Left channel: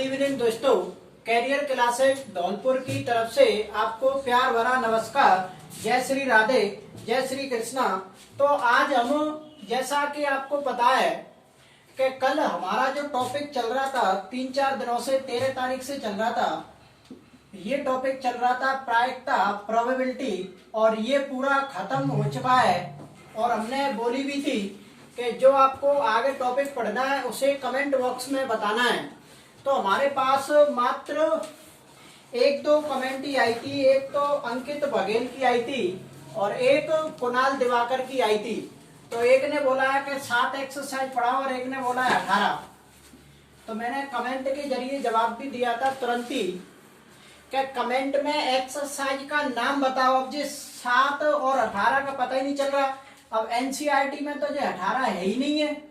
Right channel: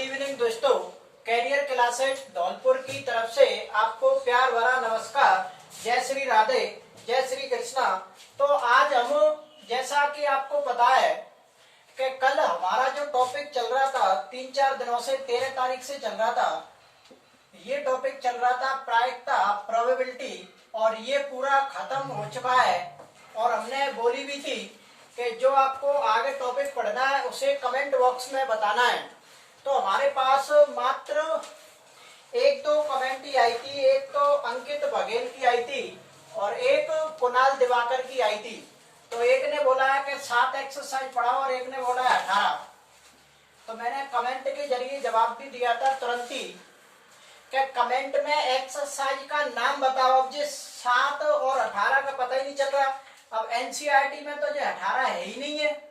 Evening दोस्तों, career classes Dholpur की तरफ से आपको प्यार भरा नमस्कार। जय श्री राधे, जय श्री कृष्णा। तो आज हम, जैसा कि आपको पता है कि कल हमारा जो टॉपिक चल रहा था 3-4 दिनों से, 13 तारीख से चल रहा था, ये टॉपिक चल रहा था प्रायिकता, प्रोबेबिलिटी, और ये पूरा खत्म हो चुका है। और हमने बोली भी थी कि जो आपको आगे टॉपिक पढ़ना है उसे कमेंट बॉक्स में बताना है। तो हमारे पास मात्र 1-2 कमेंट ही आई थी। एक तो अंकित बघेल की आई थी और एक कुणाल दिवाकर की आई थी। तो एक ने बोला है कि 7 एक्सरसाइज पढ़ाओ और एक ने बोला है 18। तो मैंने कमेंट के जरिए जवाब भी दिया था तुरंत ही कि कमेंट में एक्सरसाइज का नाम बताओ। अब जिस 7 और 18 का पता ही नहीं चल रहा। अब एनसीईआरटी में तो जो 18 है ही नहीं है,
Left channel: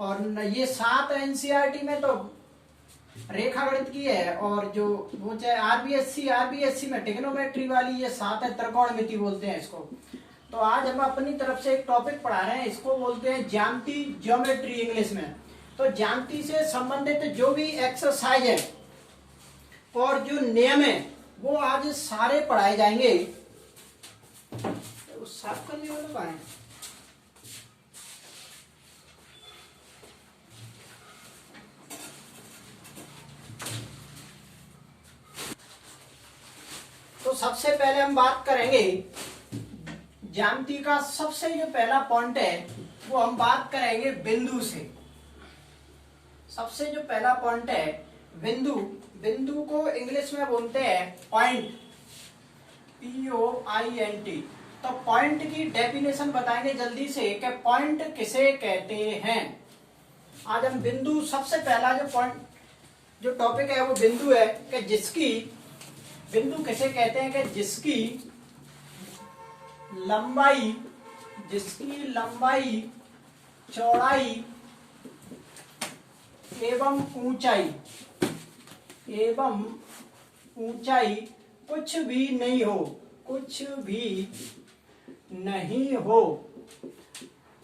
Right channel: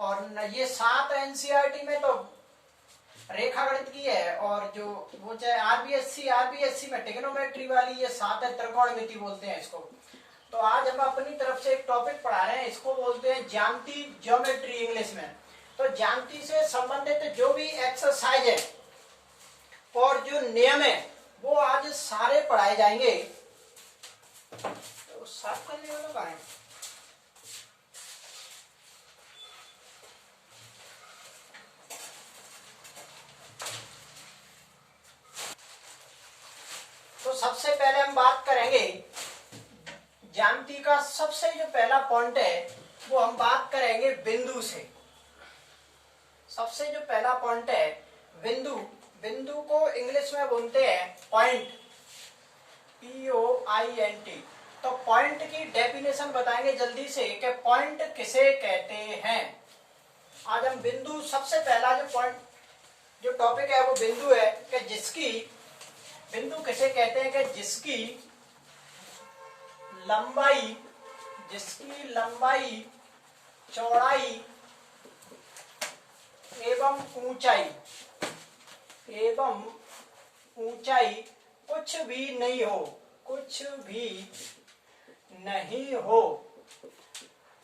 और ये 7 एनसीईआरटी में तो रेखागणित की है, और जो वो चाहे आरबीएससी में टिग्नोमेट्री वाली ये 7 है, त्रिकोणमिति बोलते हैं इसको। तो आज हम अपनी तरफ से एक टॉपिक पढ़ा रहे हैं, इसको बोलते हैं ज्यामिति, ज्योमेट्री इंग्लिश में। तो ज्यामिति से संबंधित जो भी एक्सरसाइज है और जो नियम है वो आज सारे पढ़ाए जाएंगे। तो साफ करने वालों का है। तो सबसे पहले हम बात करेंगे ज्यामिति का। सबसे जो पहला पॉइंट है वो हम बात करेंगे बिंदु से। सबसे जो पहला पॉइंट है बिंदु। बिंदु को इंग्लिश में बोलते हैं पॉइंट, POINT। तो पॉइंट की डेफिनेशन बताएंगे जल्दी से कि पॉइंट किसे कहते हैं। आज हम बिंदु, सबसे पहला जो पॉइंट, जो टॉपिक है वो बिंदु है कि जिसकी, बिंदु किसे कहते हैं कि जिसकी लंबाई, चौड़ाई एवं ऊंचाई कुछ भी नहीं हो।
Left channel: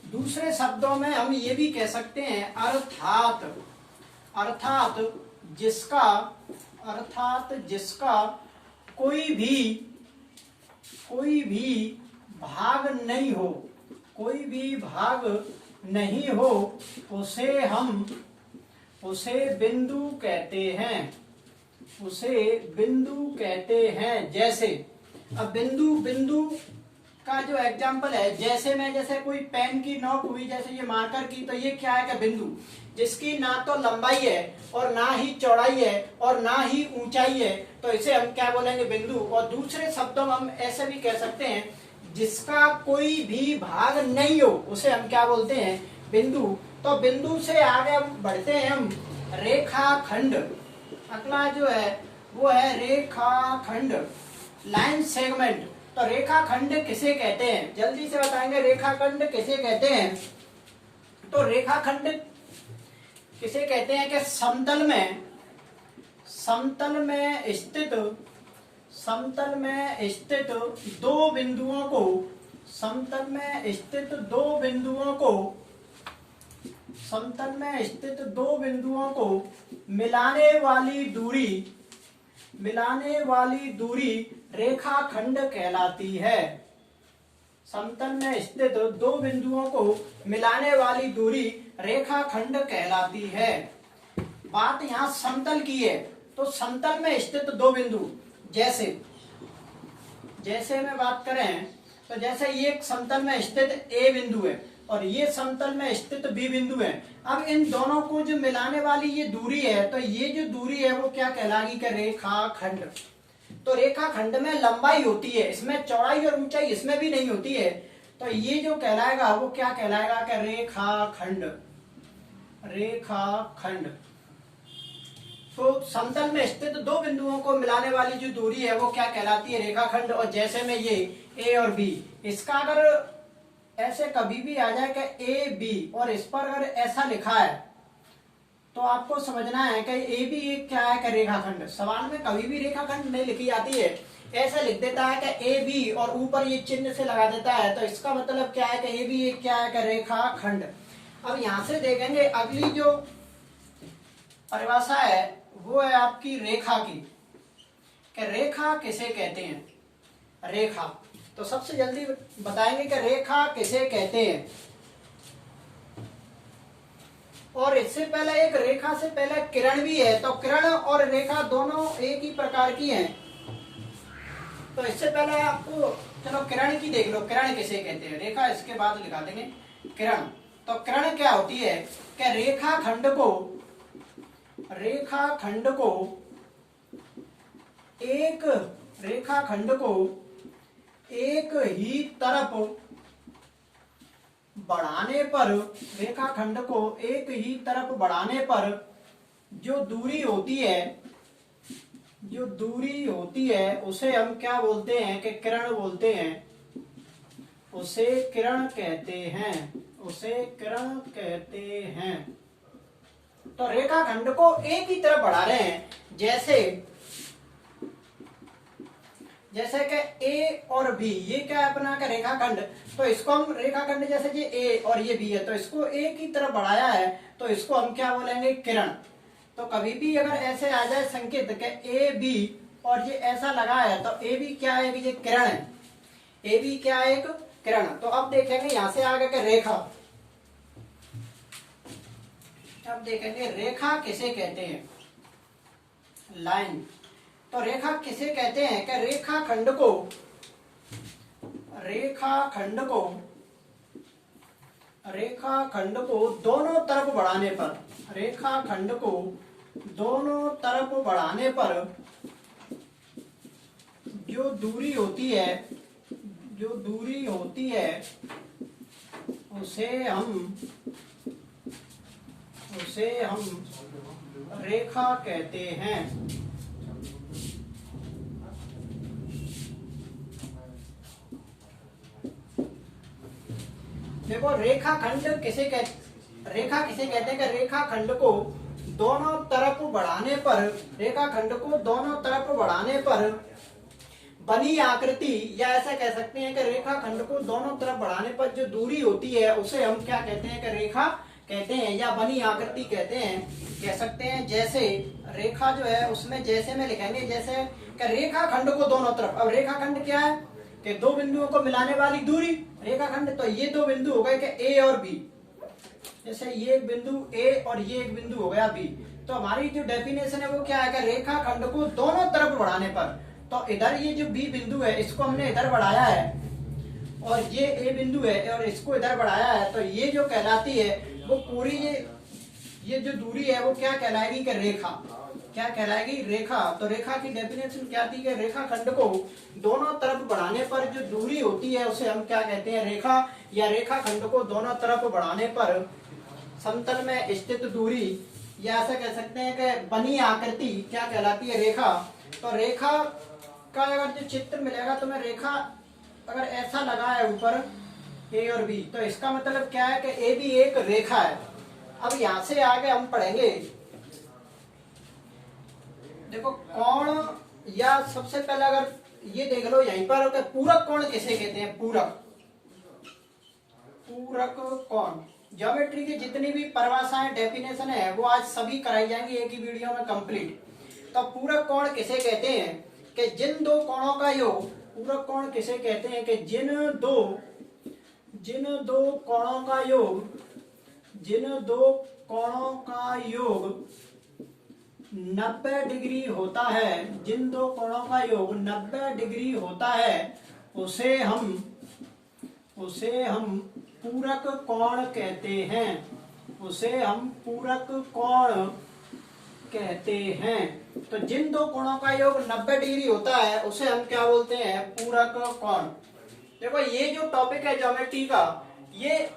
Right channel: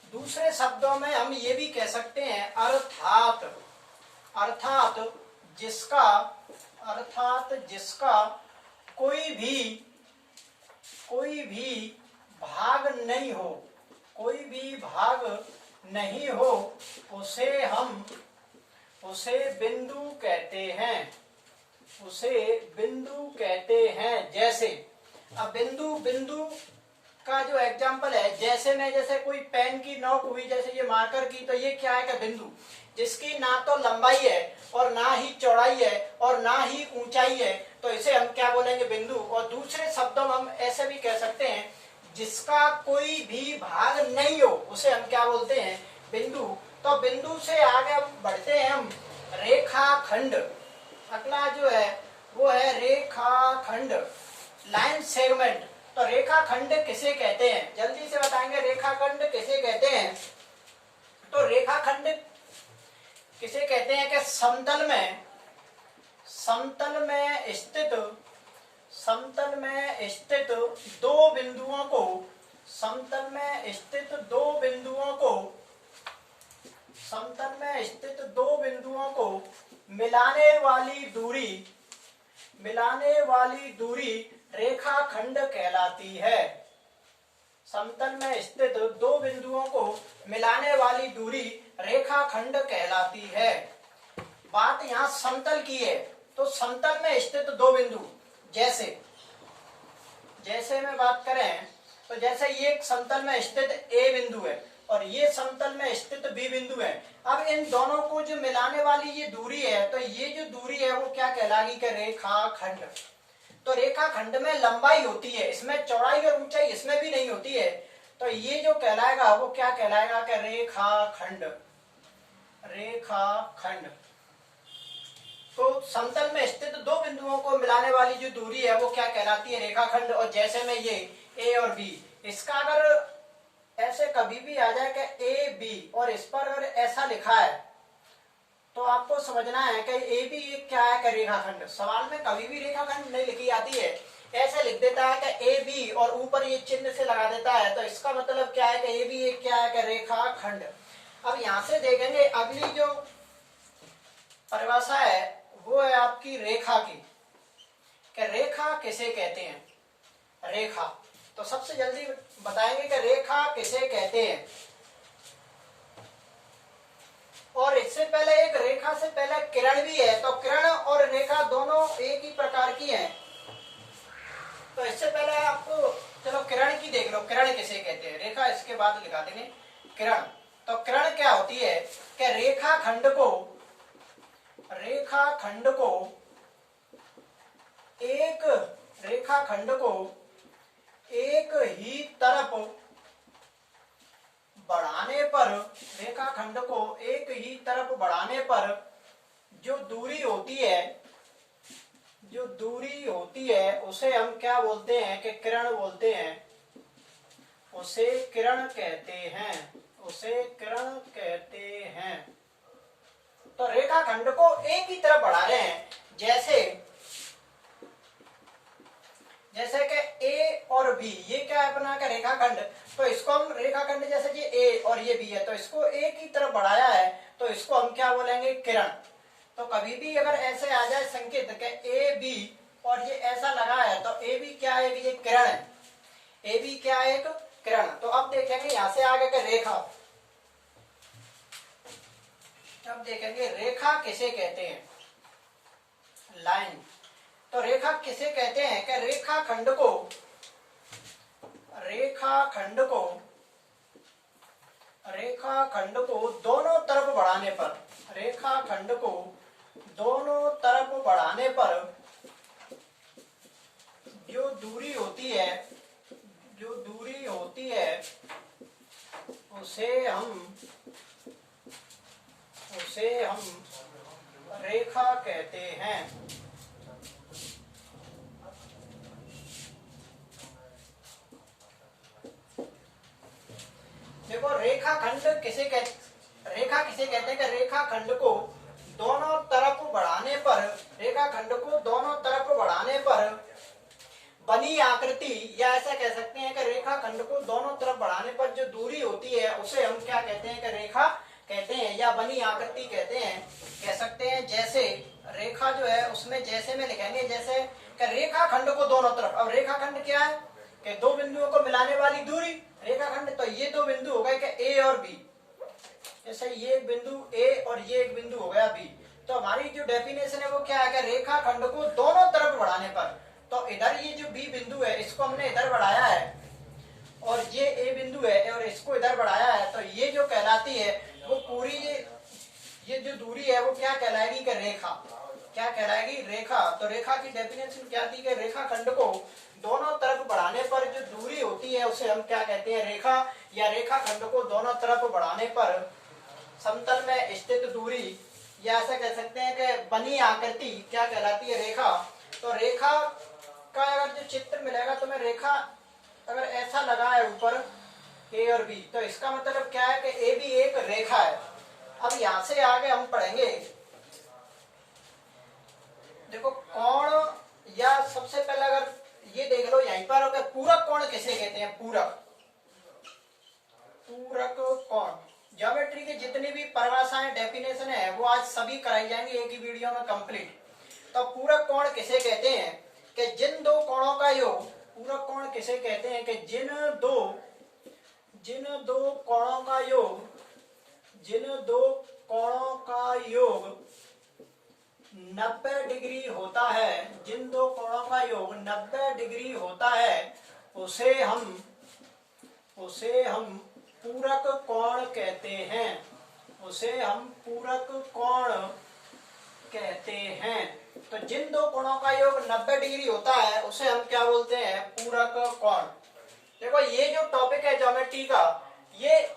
दूसरे शब्दों में हम ये भी कह सकते हैं अर्थात जिसका कोई भी भाग नहीं हो, उसे बिंदु कहते हैं। जैसे अब बिंदु का जो एग्जाम्पल है, जैसे कोई पेन की नोक हुई, जैसे ये मार्कर की, तो ये क्या है कि बिंदु जिसकी ना तो लंबाई है और ना ही चौड़ाई है और ना ही ऊंचाई है, तो इसे हम क्या बोलेंगे, बिंदु। और दूसरे शब्दों में हम ऐसे भी कह सकते हैं जिसका कोई भी भाग नहीं हो, उसे हम क्या बोलते हैं, बिंदु। तो बिंदु से आगे हम बढ़ते हैं हम रेखाखंड। अगला जो है वो है रेखाखंड, लाइन सेगमेंट। तो रेखाखंड किसे कहते हैं, जल्दी से बताएंगे रेखाखंड किसे कहते हैं। तो रेखाखंड किसे कहते हैं कि समतल में स्थित दो बिंदुओं को मिलाने वाली दूरी रेखाखंड कहलाती है। समतल में स्थित दो बिंदुओं को मिलाने वाली दूरी रेखाखंड कहलाती है। बात यहाँ समतल की है, तो समतल में स्थित दो बिंदु, जैसे में बात करें तो जैसे ये समतल में स्थित A बिंदु है और ये समतल में स्थित B बिंदु है। अब इन दोनों को जो मिलाने वाली ये दूरी है, तो ये जो दूरी है वो क्या कहलाएगी कि रेखाखंड। तो रेखाखंड में लंबाई होती है, इसमें चौड़ाई और ऊंचाई इसमें भी नहीं होती है, तो ये जो कहलाएगा वो क्या कहलाएगा कि रेखाखंड। तो समतल में स्थित दो बिंदुओं को मिलाने वाली जो दूरी है वो क्या कहलाती है, रेखाखंड। और जैसे में ये A और B, इसका अगर ऐसे कभी भी आ जाए कि AB और इस पर अगर ऐसा लिखा है तो आपको समझना है कि AB क्या है कि रेखाखंड। सवाल में कभी भी रेखाखंड नहीं लिखी जाती है, ऐसे लिख देता है कि AB और ऊपर ये चिन्ह से लगा देता है, तो इसका मतलब क्या है कि AB क्या है कि रेखाखंड। अब यहां से देखेंगे अगली जो परिभाषा है वो है आपकी रेखा की, कि रेखा किसे कहते हैं। रेखा तो सबसे जल्दी बताएंगे कि रेखा किसे कहते हैं। और इससे पहले एक रेखा से पहले किरण भी है, तो किरण और रेखा दोनों एक ही प्रकार की हैं। तो इससे पहले आपको चलो किरण की देख लो, किरण किसे कहते हैं। रेखा इसके बाद लिखा देंगे किरण। तो किरण क्या होती है कि रेखाखंड को एक ही तरफ बढ़ाने पर, रेखाखंड को एक ही तरफ बढ़ाने पर जो दूरी होती है उसे हम क्या बोलते हैं कि किरण बोलते हैं, उसे किरण कहते हैं। तो रेखाखंड को एक ही तरफ बढ़ा रहे हैं, जैसे कि ए और बी, ये क्या है अपना का रेखाखंड। तो इसको हम रेखाखंड जैसे ये ए और ये बी है, तो इसको एक ही तरफ बढ़ाया है, तो इसको हम क्या बोलेंगे, किरण। तो कभी भी अगर ऐसे आ जाए संकेत के ए बी और ये ऐसा लगा है, तो ए बी क्या है, ये किरण है। ए बी क्या है, एक किरण। तो अब देखेंगे यहां से आगे के रेखा। अब देखेंगे रेखा किसे कहते हैं, लाइन। तो रेखा किसे कहते हैं कि रेखाखंड को दोनों तरफ बढ़ाने पर जो दूरी होती है उसे हम रेखा कहते हैं। देखो रेखा किसे कहते हैं कि रेखाखंड को दोनों तरफ बढ़ाने पर बनी आकृति, या ऐसा कह सकते हैं कि रेखाखंड को दोनों तरफ बढ़ाने पर जो दूरी होती है उसे हम क्या कहते हैं कि रेखा कहते हैं, या बनी आकृति कहते हैं, कह सकते हैं। जैसे रेखा जो है उसमें जैसे में लिखेंगे, जैसे कि रेखाखंड को दोनों तरफ। अब रेखाखंड क्या है कि दो बिंदुओं को मिलाने वाली दूरी रेखाखंड। तो ये दो बिंदु हो गए कि ए और बी, जैसे ये एक बिंदु ए और ये एक बिंदु हो गया बी। तो हमारी जो डेफिनेशन है वो क्या है कि रेखाखंड को दोनों तरफ बढ़ाने पर, तो इधर ये जो बी बिंदु है इसको हमने इधर बढ़ाया है, और ये ए बिंदु है और इसको इधर बढ़ाया है, तो ये जो कहलाती है वो पूरी ये जो दूरी है वो क्या कहलाएगी कि रेखा। क्या कहलाएगी, रेखा। तो रेखा की डेफिनेशन क्या थी कि रेखाखंड को दोनों तरफ बढ़ाने पर जो दूरी होती है उसे हम क्या कहते हैं, रेखा। या रेखाखंड को दोनों तरफ बढ़ाने पर समतल में स्थित दूरी, या ऐसा कह सकते हैं कि बनी आकृति क्या कहलाती है, रेखा। तो रेखा का अगर जो चित्र मिलेगा तो मैं रेखा अगर ऐसा लगा है ऊपर ए और बी, तो इसका मतलब क्या है कि ए भी एक रेखा है। अब यहां से आगे हम पढ़ेंगे, देखो कोण, या सबसे पहले अगर ये देख लो यहीं पर पूरक कोण किसे कहते हैं, पूरक कोण। ज्योमेट्री की जितनी भी परिभाषाएं डेफिनेशन है वो आज सभी कराई जाएंगी एक ही वीडियो में कंप्लीट। तो पूरक कोण किसे कहते हैं कि जिन दो कोणों का योग, पूरक कोण किसे कहते हैं कि जिन दो कोणों का योग 90 डिग्री होता है, जिन दो कोणों का योग 90 डिग्री होता है उसे हम पूरक कोण कहते हैं, तो जिन दो कोणों का योग 90 डिग्री होता है उसे हम क्या बोलते हैं, पूरक कोण। देखो ये जो टॉपिक है ज्योमेट्री का, ये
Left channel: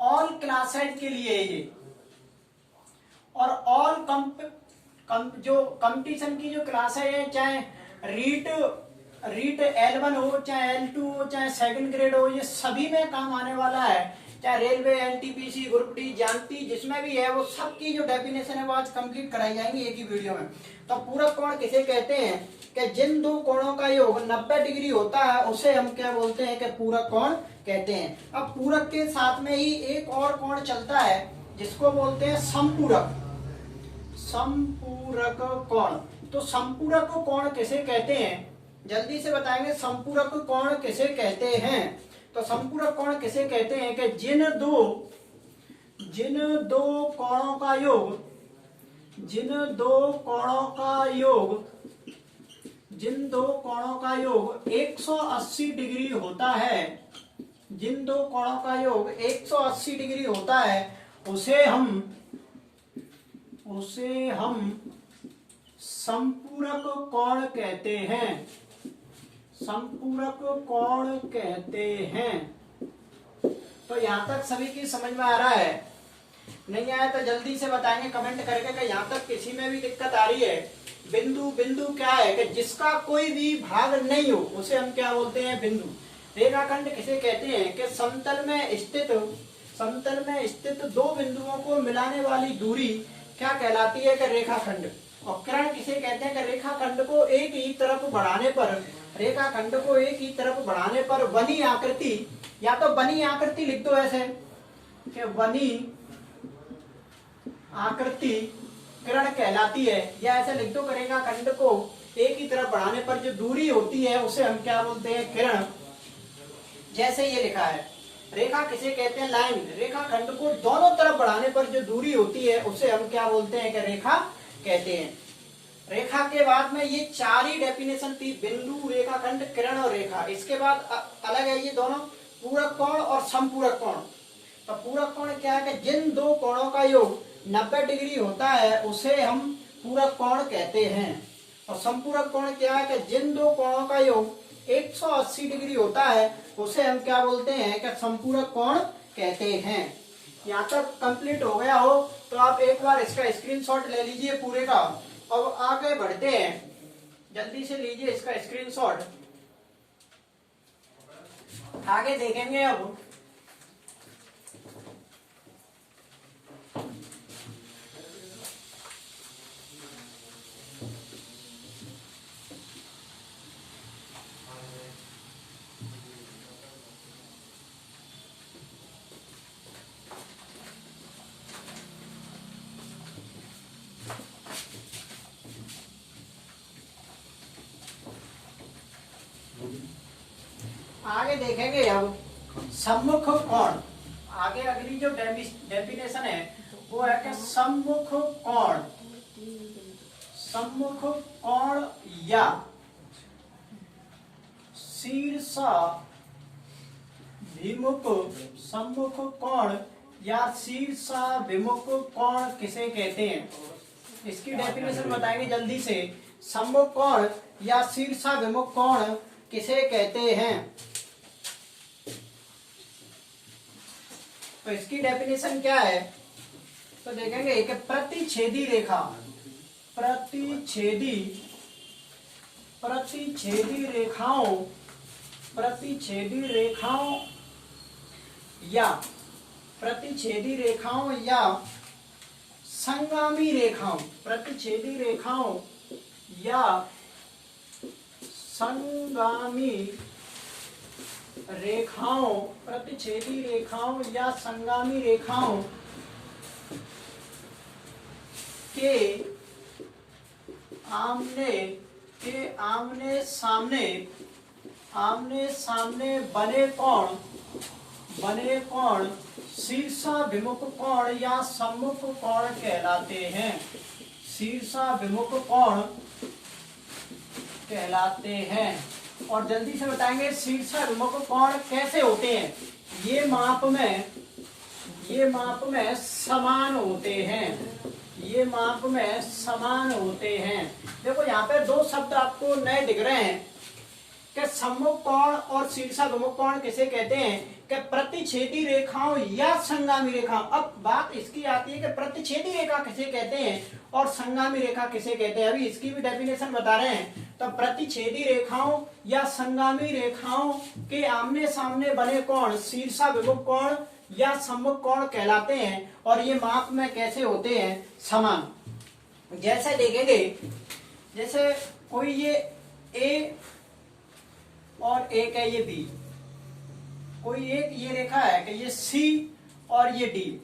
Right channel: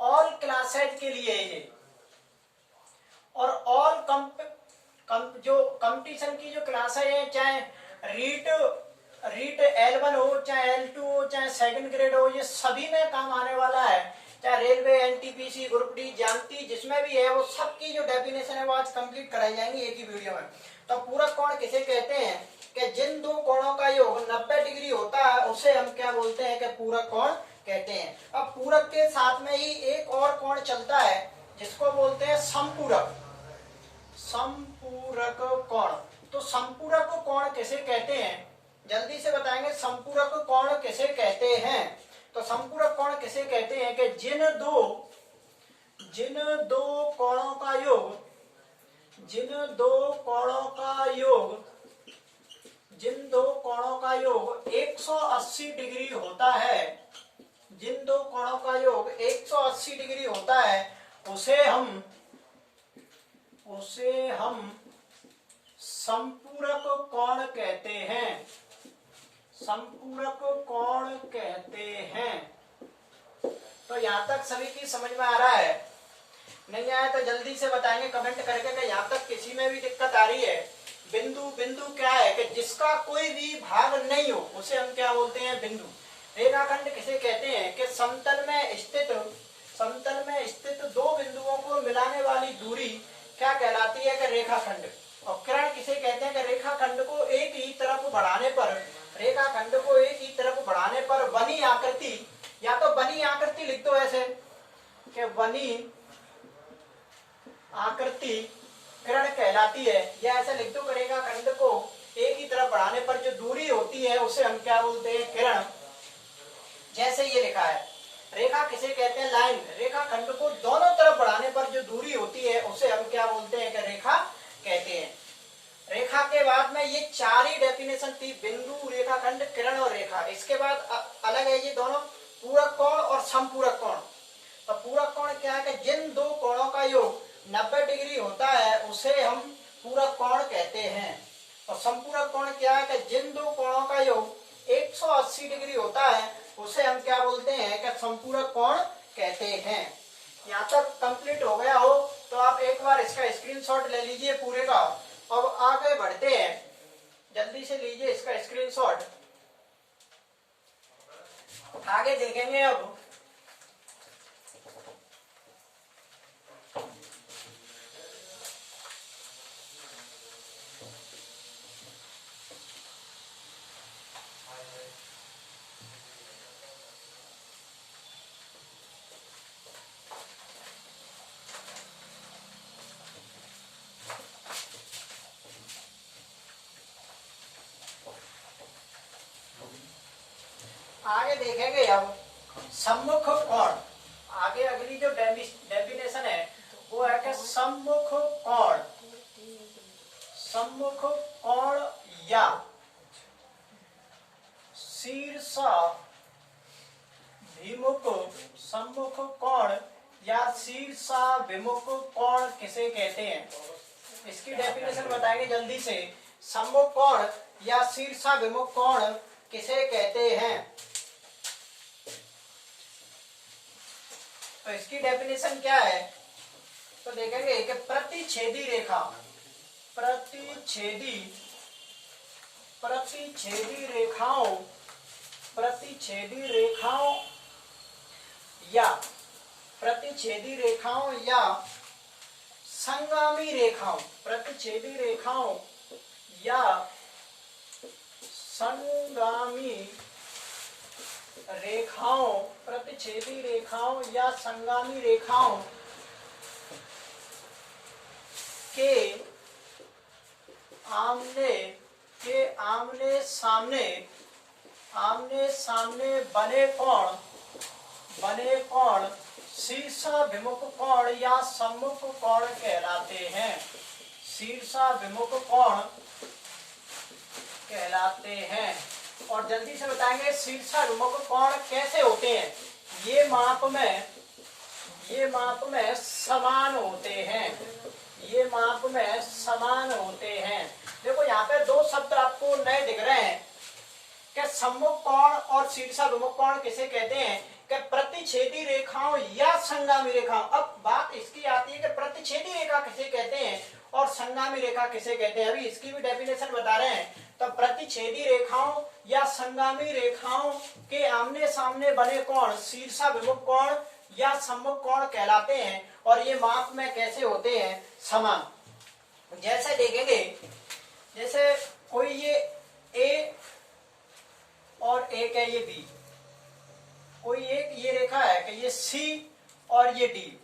ऑल क्लासेज के लिए ये, और ऑल जो कंपटीशन की जो क्लास है, चाहे रीट L1 हो, चाहे L2 हो, चाहे सेकंड ग्रेड हो, ये सभी में काम आने वाला है। चाहे रेलवे, एनटीपीसी, ग्रुप डी, जानती, जिसमें भी है वो सबकी जो डेफिनेशन है वो आज कंप्लीट कराई जाएंगी एक ही वीडियो में। तो पूरक कोण किसे कहते हैं कि जिन दो कोणों का योग 90 डिग्री होता है उसे हम क्या बोलते हैं कि पूरक कोण कहते हैं। अब पूरक के साथ में ही एक और कोण चलता है जिसको बोलते हैं संपूरक, संपूरक कोण। तो संपूरक कोण किसे कहते हैं, जल्दी से बताएंगे। संपूरक कोण किसे कहते हैं? तो संपूरक कोण किसे कहते हैं कि जिन दो कोणों का योग, जिन दो कोणों का योग 180 डिग्री होता है, जिन दो कोणों का योग 180 डिग्री होता है, उसे हम संपूरक कोण कहते हैं, संपूरक कोण कहते हैं। तो यहां तक सभी की समझ में आ रहा है? नहीं आया तो जल्दी से बताएंगे कमेंट करके कि यहां तक किसी में भी दिक्कत आ रही है। बिंदु क्या है कि जिसका कोई भी भाग नहीं हो उसे हम क्या बोलते हैं? बिंदु। रेखाखंड किसे कहते हैं कि समतल में स्थित दो बिंदुओं को मिलाने वाली दूरी क्या कहलाती है? कि रेखाखंड। और किरण किसे कहते हैं? कि रेखाखंड को एक ही तरफ बढ़ाने पर बनी आकृति, या तो बनी आकृति लिख दो ऐसे कि बनी आकृति किरण कहलाती है, या ऐसे लिख दो कि रेखाखंड को एक ही तरफ बढ़ाने पर जो दूरी होती है उसे हम क्या बोलते हैं? किरण। जैसे ये लिखा है, रेखा किसे कहते हैं? लाइन। रेखाखंड को दोनों तरफ बढ़ाने पर जो दूरी होती है उसे हम क्या बोलते हैं? कि रेखा कहते हैं। रेखा के बाद में ये चार ही डेफिनेशन थी, बिंदु, रेखाखंड, किरण और रेखा। इसके बाद अलग है ये दोनों, पूरक कोण और संपूरक कोण। तो पूरक कोण क्या है? कि जिन दो कोणों का योग 90 डिग्री होता है उसे हम पूरक कोण कहते हैं। और संपूरक कोण क्या है? कि जिन दो कोणों का योग 180 डिग्री होता है उसे हम क्या बोलते हैं? कि संपूरक कोण कहते हैं। यहाँ तक कंप्लीट हो गया हो तो आप एक बार इसका स्क्रीनशॉट ले लीजिए पूरे का। अब आगे बढ़ते हैं, जल्दी से लीजिए इसका स्क्रीनशॉट। आगे देखेंगे अब आगे देखेंगे अब सम्मुख कोण। आगे अगली जो डेफिनेशन है वो है कि सम्मुख कोण, सम्मुख कोण या शीर्षाभिमुख, सम्मुख कोण या शीर्षाभिमुख कोण किसे कहते हैं? इसकी डेफिनेशन बताएंगे जल्दी से। सम्मुख कोण या शीर्षाभिमुख कोण किसे कहते हैं? तो इसकी डेफिनेशन क्या है? तो देखेंगे कि प्रतिच्छेदी रेखा, प्रतिच्छेदी रेखाओं या संगामी रेखाओं, प्रतिच्छेदी रेखाओं या संगामी रेखाओं, प्रतिच्छेदी रेखाओं या संगामी रेखाओं के आमने सामने बने कोण शीर्षाभिमुख कोण या सम्मुख कोण कहलाते हैं, शीर्षाभिमुख कोण कहलाते हैं। और जल्दी से बताएंगे शीर्षाभिमुख कोण कैसे होते हैं? ये माप में समान होते हैं, ये माप में समान होते हैं। देखो यहाँ पे दो शब्द आपको नए दिख रहे हैं कि सम्मुख कोण और शीर्षाभिमुख कोण किसे कहते हैं? कि प्रतिच्छेदी रेखाओं या संगामी रेखा। अब बात इसकी आती है कि प्रतिच्छेदी रेखा किसे कहते हैं और संगामी रेखा किसे कहते हैं। अभी इसकी भी डेफिनेशन बता रहे हैं। तो प्रतिच्छेदी रेखाओं या संगामी रेखाओं के आमने सामने बने कोण शीर्षाभिमुख कोण या सम्मुख कोण कहलाते हैं। और ये माप में कैसे होते हैं? समान। जैसे देखेंगे, जैसे कोई ये ए और एक है ये बी, कोई एक ये रेखा है कि ये सी और ये डी,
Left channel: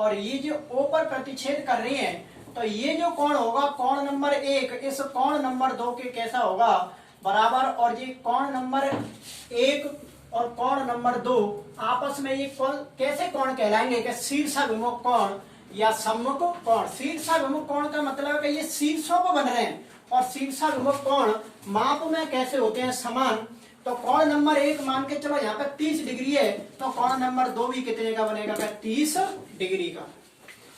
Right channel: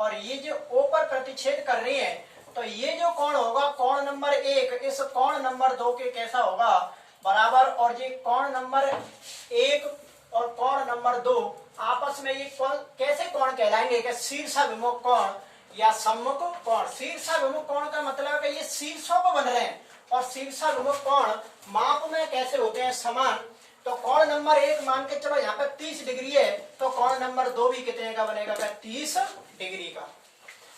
और ये जो O पर प्रतिच्छेद कर रही है, तो ये जो कोण होगा कोण नंबर 1 इस कोण नंबर 2 के कैसा होगा बराबर, और ये कोण नंबर 1 और कोण नंबर 2 आपस में ये कोण कैसे कोण कहलाएंगे कि शीर्षाभिमुख कोण या सम्मुख कोण। शीर्षाभिमुख कोण का मतलब है कि ये शीर्षों को बन रहे हैं, और शीर्षाभिमुख कोण माप में कैसे होते हैं समान। तो कोण नंबर 1 मान के चलो यहाँ पे 30 डिग्री है, तो कोण नंबर 2 भी कितने का बनेगा 30 डिग्री का।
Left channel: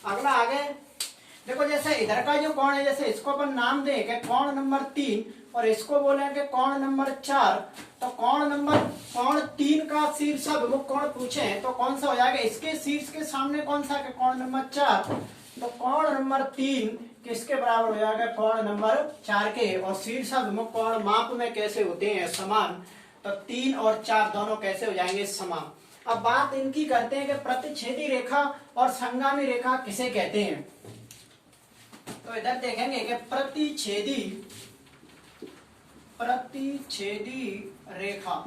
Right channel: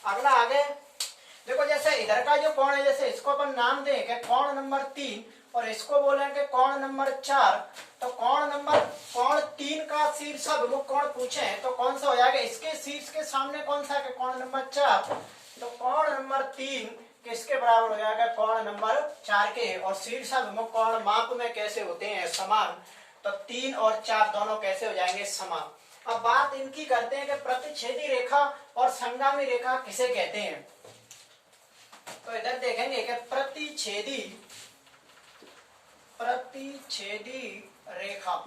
अगला आगे देखो, जैसे इधर का जो कोण है, जैसे इसको अपन नाम दें कि कोण नंबर 3 और इसको बोलेंगे कोण नंबर 4, तो कोण 3 का शीर्षाभिमुख कोण पूछे तो कौन सा हो जाएगा, इसके शीर्ष के सामने कौन सा है कोण नंबर 4, तो कोण नंबर 3 किसके बराबर हो जाएगा कोण नंबर 4 के। और शीर्षाभिमुख कोण माप में कैसे होते हैं समान, तो 3 और 4 दोनों कैसे हो जाएंगे समान। अब बात इनकी करते हैं कि प्रतिच्छेदी रेखा और संगामी रेखा किसे कहते हैं। तो इधर देखेंगे कि प्रतिच्छेदी रेखा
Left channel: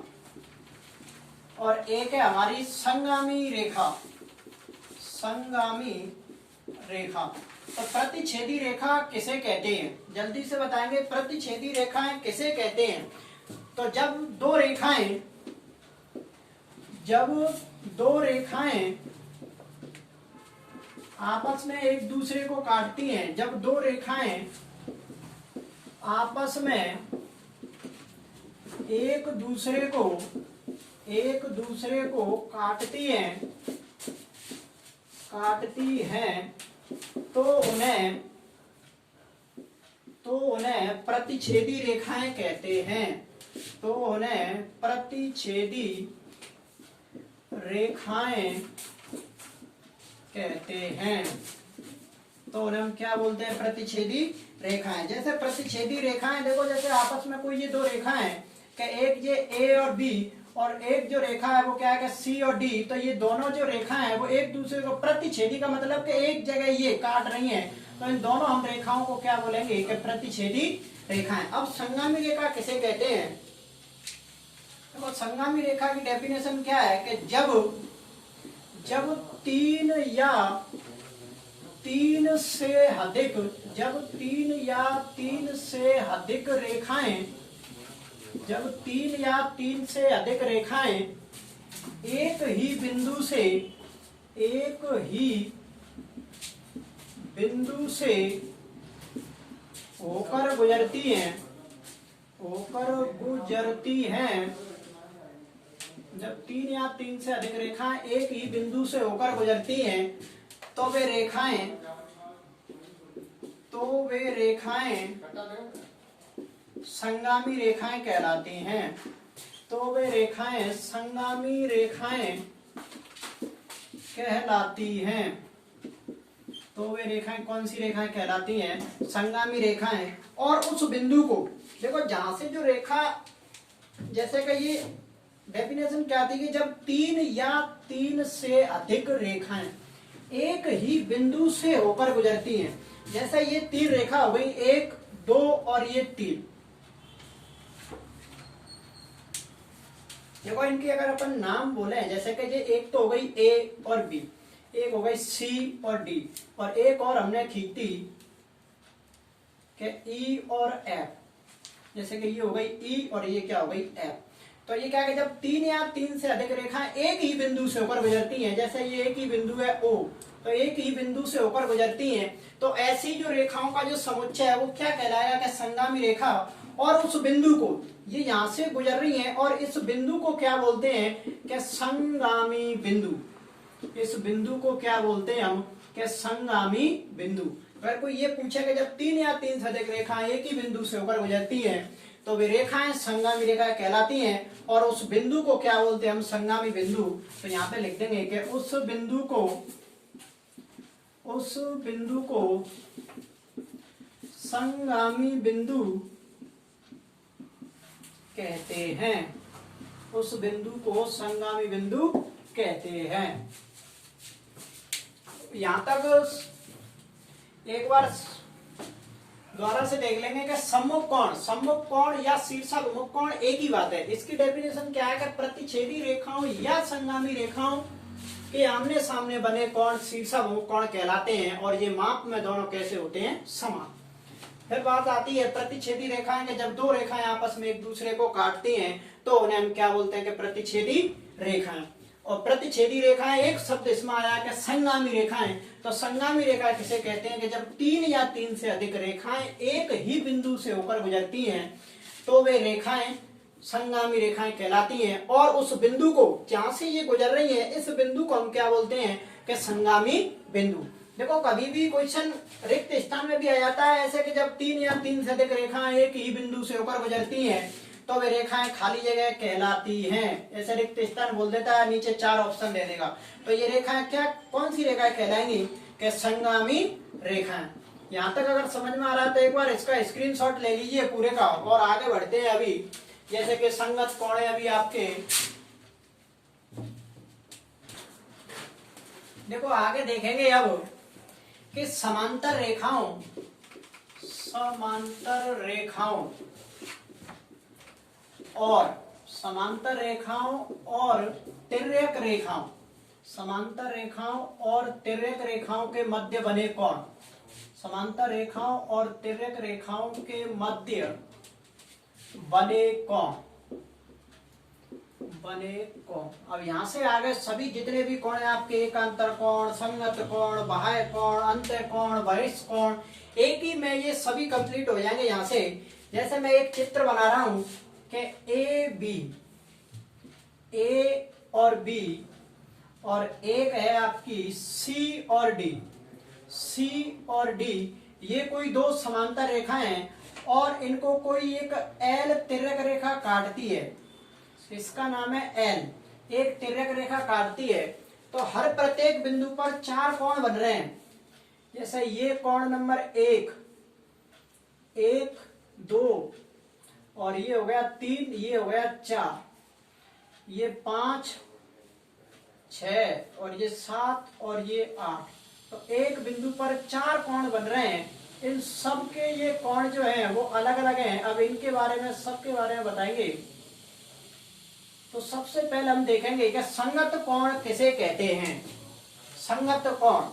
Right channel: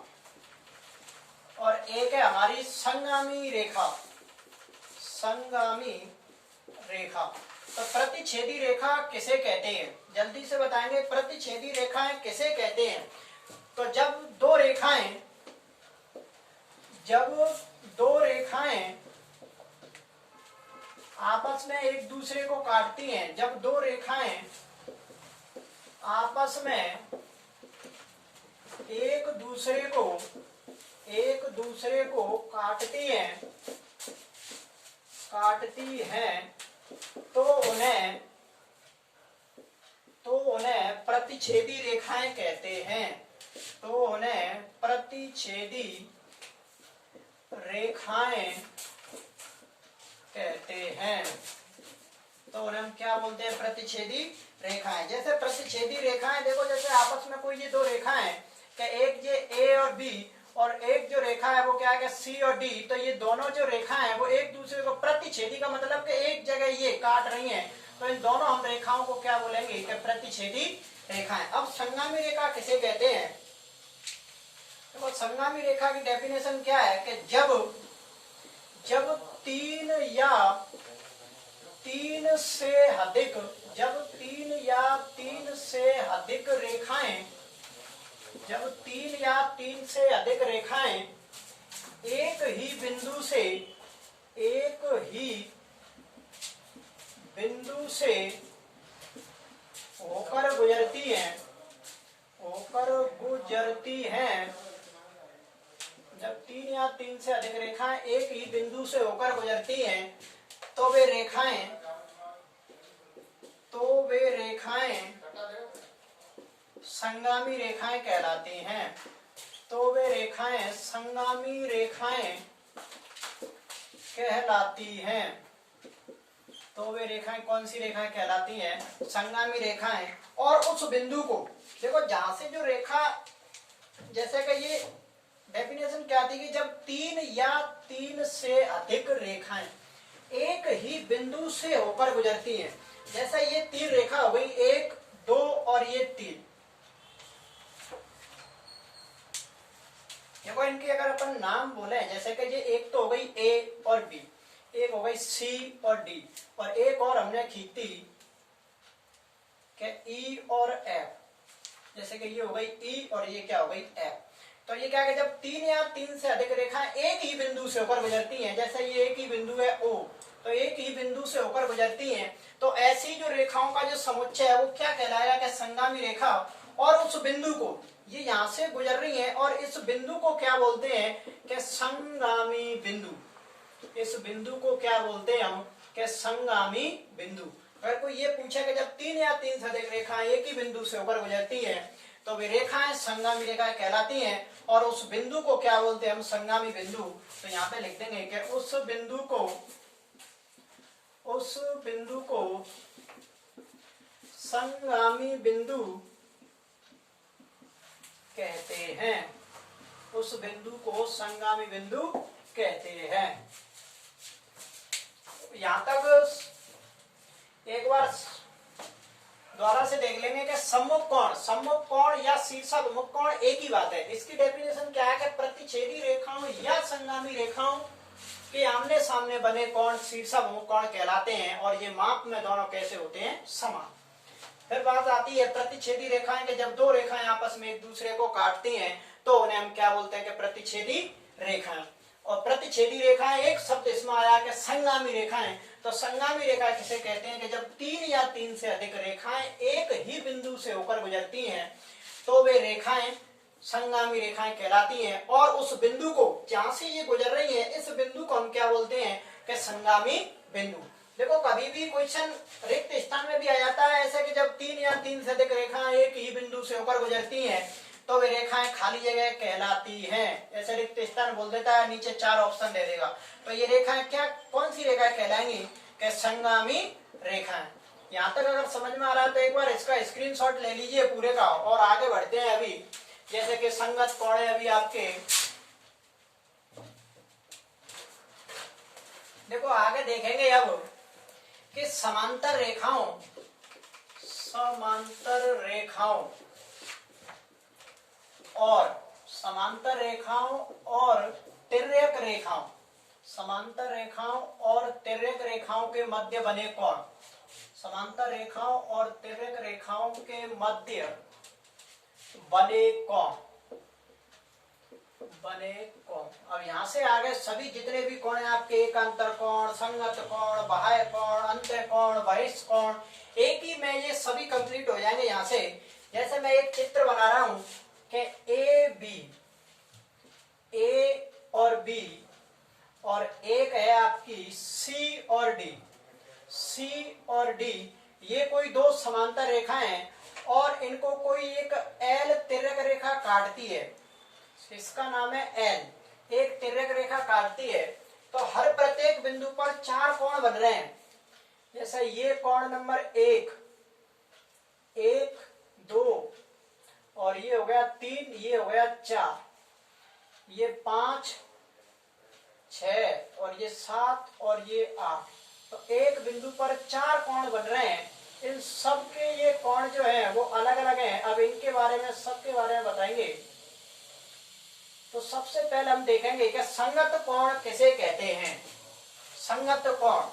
और एक है हमारी संगामी रेखा। तो प्रतिच्छेदी रेखा किसे कहते हैं, जल्दी से बताएंगे प्रतिच्छेदी रेखाएं किसे कहते हैं। तो जब दो रेखाएं आपस में एक दूसरे को काटती हैं, जब दो रेखाएं आपस में एक दूसरे को काटती हैं तो उन्हें प्रतिच्छेदी रेखाएं कहते हैं। तो उन्हें प्रतिच्छेदी रेखाएं कहते हैं। तो उन्हें हम क्या बोलते हैं प्रतिच्छेदी रेखाएं। जैसे प्रतिच्छेदी रेखाएं देखो, जैसे आपस में कोई ये दो रेखाएं कि एक ये A और B और एक जो रेखा है वो क्या है कि C और D, तो ये दोनों जो रेखा है वो एक दूसरे को प्रतिच्छेदी का मतलब कि एक जगह ये काट रही हैं, तो इन दोनों हम रेखाओं को क्या बोलेंगे कि प्रतिच्छेदी रेखाएं। अब संगामी रेखा किसे कहते हैं। देखो संगामी रेखा की डेफिनेशन क्या है कि जब तीन या तीन से अधिक रेखाएं एक ही बिंदु से होकर गुजरती हैं, जब तीन या तीन से अधिक रेखाएं एक ही बिंदु से होकर गुजरती हैं तो वे रेखाएं संगामी रेखाएं कहलाती हैं। तो वे रेखाएं संगामी रेखाएं कहलाती हैं। तो वे रेखाएं कौन सी रेखाएं कहलाती हैं, संगामी रेखाएं। और उस बिंदु को देखो जहां से जो रेखा, जैसे कि ये डेफिनेशन क्या थी कि जब तीन या तीन से अधिक रेखाएं एक ही बिंदु से होकर गुजरती हैं, जैसे ये तीन रेखा हो गई 1 2 और ये 3। देखो इनके अगर अपन नाम बोले, जैसे कि ये एक तो हो गई A और B, एक हो गई C और D, और एक और हमने खींची कि E और F, जैसे कि ये हो गई E और ये क्या हो गई F। तो ये क्या है, जब तीन या तीन से अधिक रेखाएं एक ही बिंदु से होकर गुजरती हैं, जैसे ये एक ही बिंदु है O, तो एक ही बिंदु से होकर गुजरती हैं, तो ऐसी जो रेखाओं का जो समुच्चय है वो क्या कहलाएगा कि संगामी रेखा। और उस बिंदु को, ये यहाँ से गुजर रही है और इस बिंदु को क्या बोलते हैं कि संगामी बिंदु। इस बिंदु को क्या बोलते हैं हम कि संगामी बिंदु। अगर कोई ये पूछे कि जब तीन या तीन से अधिक रेखाएं एक ही बिंदु से होकर गुजरती हैं तो वे रेखाएं संगामी रेखाएं कहलाती हैं, और उस बिंदु को क्या बोलते हैं हम संगामी बिंदु। तो यहाँ पे लिख देंगे कि उस बिंदु को संगामी बिंदु कहते हैं। उस बिंदु को संगामी बिंदु कहते हैं। यहां तक एक बार दोबारा से देख लेंगे कि सम्मुख कोण या शीर्षाभिमुख कोण एक ही बात है। इसकी डेफिनेशन क्या है कि प्रतिच्छेदी रेखाओं या संगामी रेखाओं कि आमने सामने बने कोण शीर्षक कोण कहलाते हैं और ये माप में दोनों कैसे होते हैं, समान। फिर बात आती है प्रतिच्छेदी रेखाएं, कि जब दो रेखाएं आपस में एक दूसरे को काटती हैं तो उन्हें हम क्या बोलते हैं कि प्रतिच्छेदी रेखाएं। और प्रतिच्छेदी रेखाएं एक शब्द इसमें आया कि संगामी रेखाएं। तो संगामी रेखा किसे कहते हैं कि जब तीन या तीन से अधिक रेखाएं एक ही बिंदु से होकर गुजरती हैं तो वे रेखाएं संगामी रेखाएं कहलाती हैं। और उस बिंदु को जहां से ये गुजर रही है इस बिंदु को हम क्या बोलते हैं कि संगामी बिंदु। देखो कभी भी क्वेश्चन रिक्त स्थान में भी आ जाता है ऐसे कि जब तीन या तीन से अधिक रेखाएं एक ही बिंदु से होकर गुजरती हैं तो वे रेखाएं खाली जगह कहलाती हैं। ऐसे रिक्त स्थान बोल देता है, नीचे चार ऑप्शन दे देगा। तो ये रेखाएं क्या कौन सी रेखाएं कहलाएंगी कि संगामी रेखाएं। यहाँ तक अगर समझ में आ रहा है तो एक बार इसका स्क्रीनशॉट ले लीजिए पूरे का और आगे बढ़ते हैं। अभी जैसे कि संगत कोण है अभी आपके, देखो आगे देखेंगे अब कि समांतर रेखाओं और तिर्यक रेखाओं, समांतर रेखाओं और तिर्यक रेखाओं के मध्य बने कोण, समांतर रेखाओं और तिर्यक रेखाओं के मध्य बने कोण। अब यहाँ से आगे सभी जितने भी कोण हैं आपके, एकांतर कोण, संगत कोण, बाह्य कोण, अंत्य कोण, बहिष्ठ कोण, एक ही में ये सभी कंप्लीट हो जाएंगे। यहाँ से जैसे मैं एक चित्र बना रहा हूं कि ए और बी और एक है आपकी सी और डी, ये कोई दो समांतर रेखाएं हैं और इनको कोई एक एल तिर्यक रेखा काटती है, इसका नाम है एल, एक तिर्यक रेखा काटती है। तो हर प्रत्येक बिंदु पर चार कोण बन रहे हैं। जैसे ये कोण नंबर एक, 2 और ये हो गया 3, ये हो गया 4, ये 5, 6 और ये 7 और ये 8। तो एक बिंदु पर चार कोण बन रहे हैं। इन सब के ये कोण जो है वो अलग अलग हैं। अब इनके बारे में सबके बारे में बताएंगे। तो सबसे पहले हम देखेंगे कि संगत कोण किसे कहते हैं। संगत कोण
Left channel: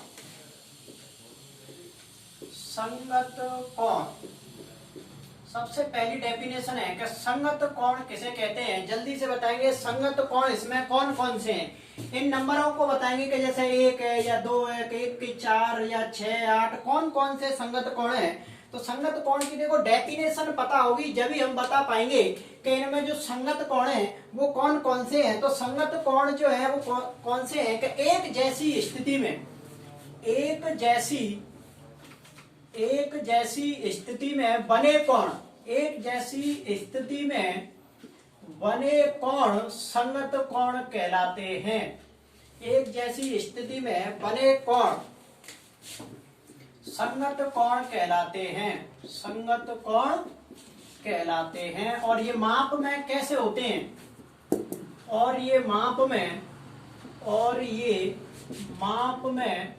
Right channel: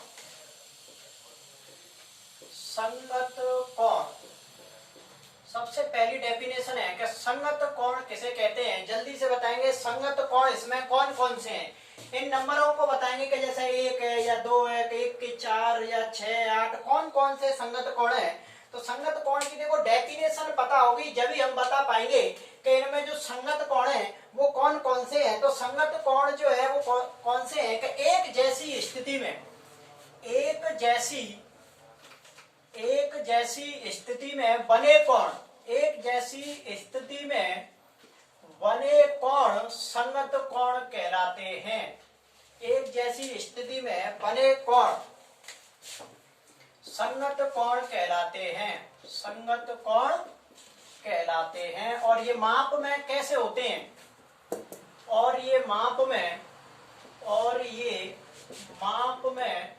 सबसे पहली डेफिनेशन है कि संगत कोण किसे कहते हैं। जल्दी से बताएंगे संगत कोण इसमें कौन कौन से हैं। इन नंबरों को बताएंगे कि जैसे 1 है या 2 है, 1 के 4 या 6, 8, कौन कौन से संगत कोण है। तो संगत कोण की देखो डेफिनेशन पता होगी जब ही हम बता पाएंगे कि इनमें जो संगत कोण है वो कौन कौन से हैं। तो संगत कोण जो है वो कौन से हैं कि एक जैसी स्थिति में बने कोण, एक जैसी स्थिति में बने कोण संगत कोण कहलाते हैं। एक जैसी स्थिति में बने कोण संगत कोण कहलाते हैं। और ये माप में कैसे होते हैं, और ये माप में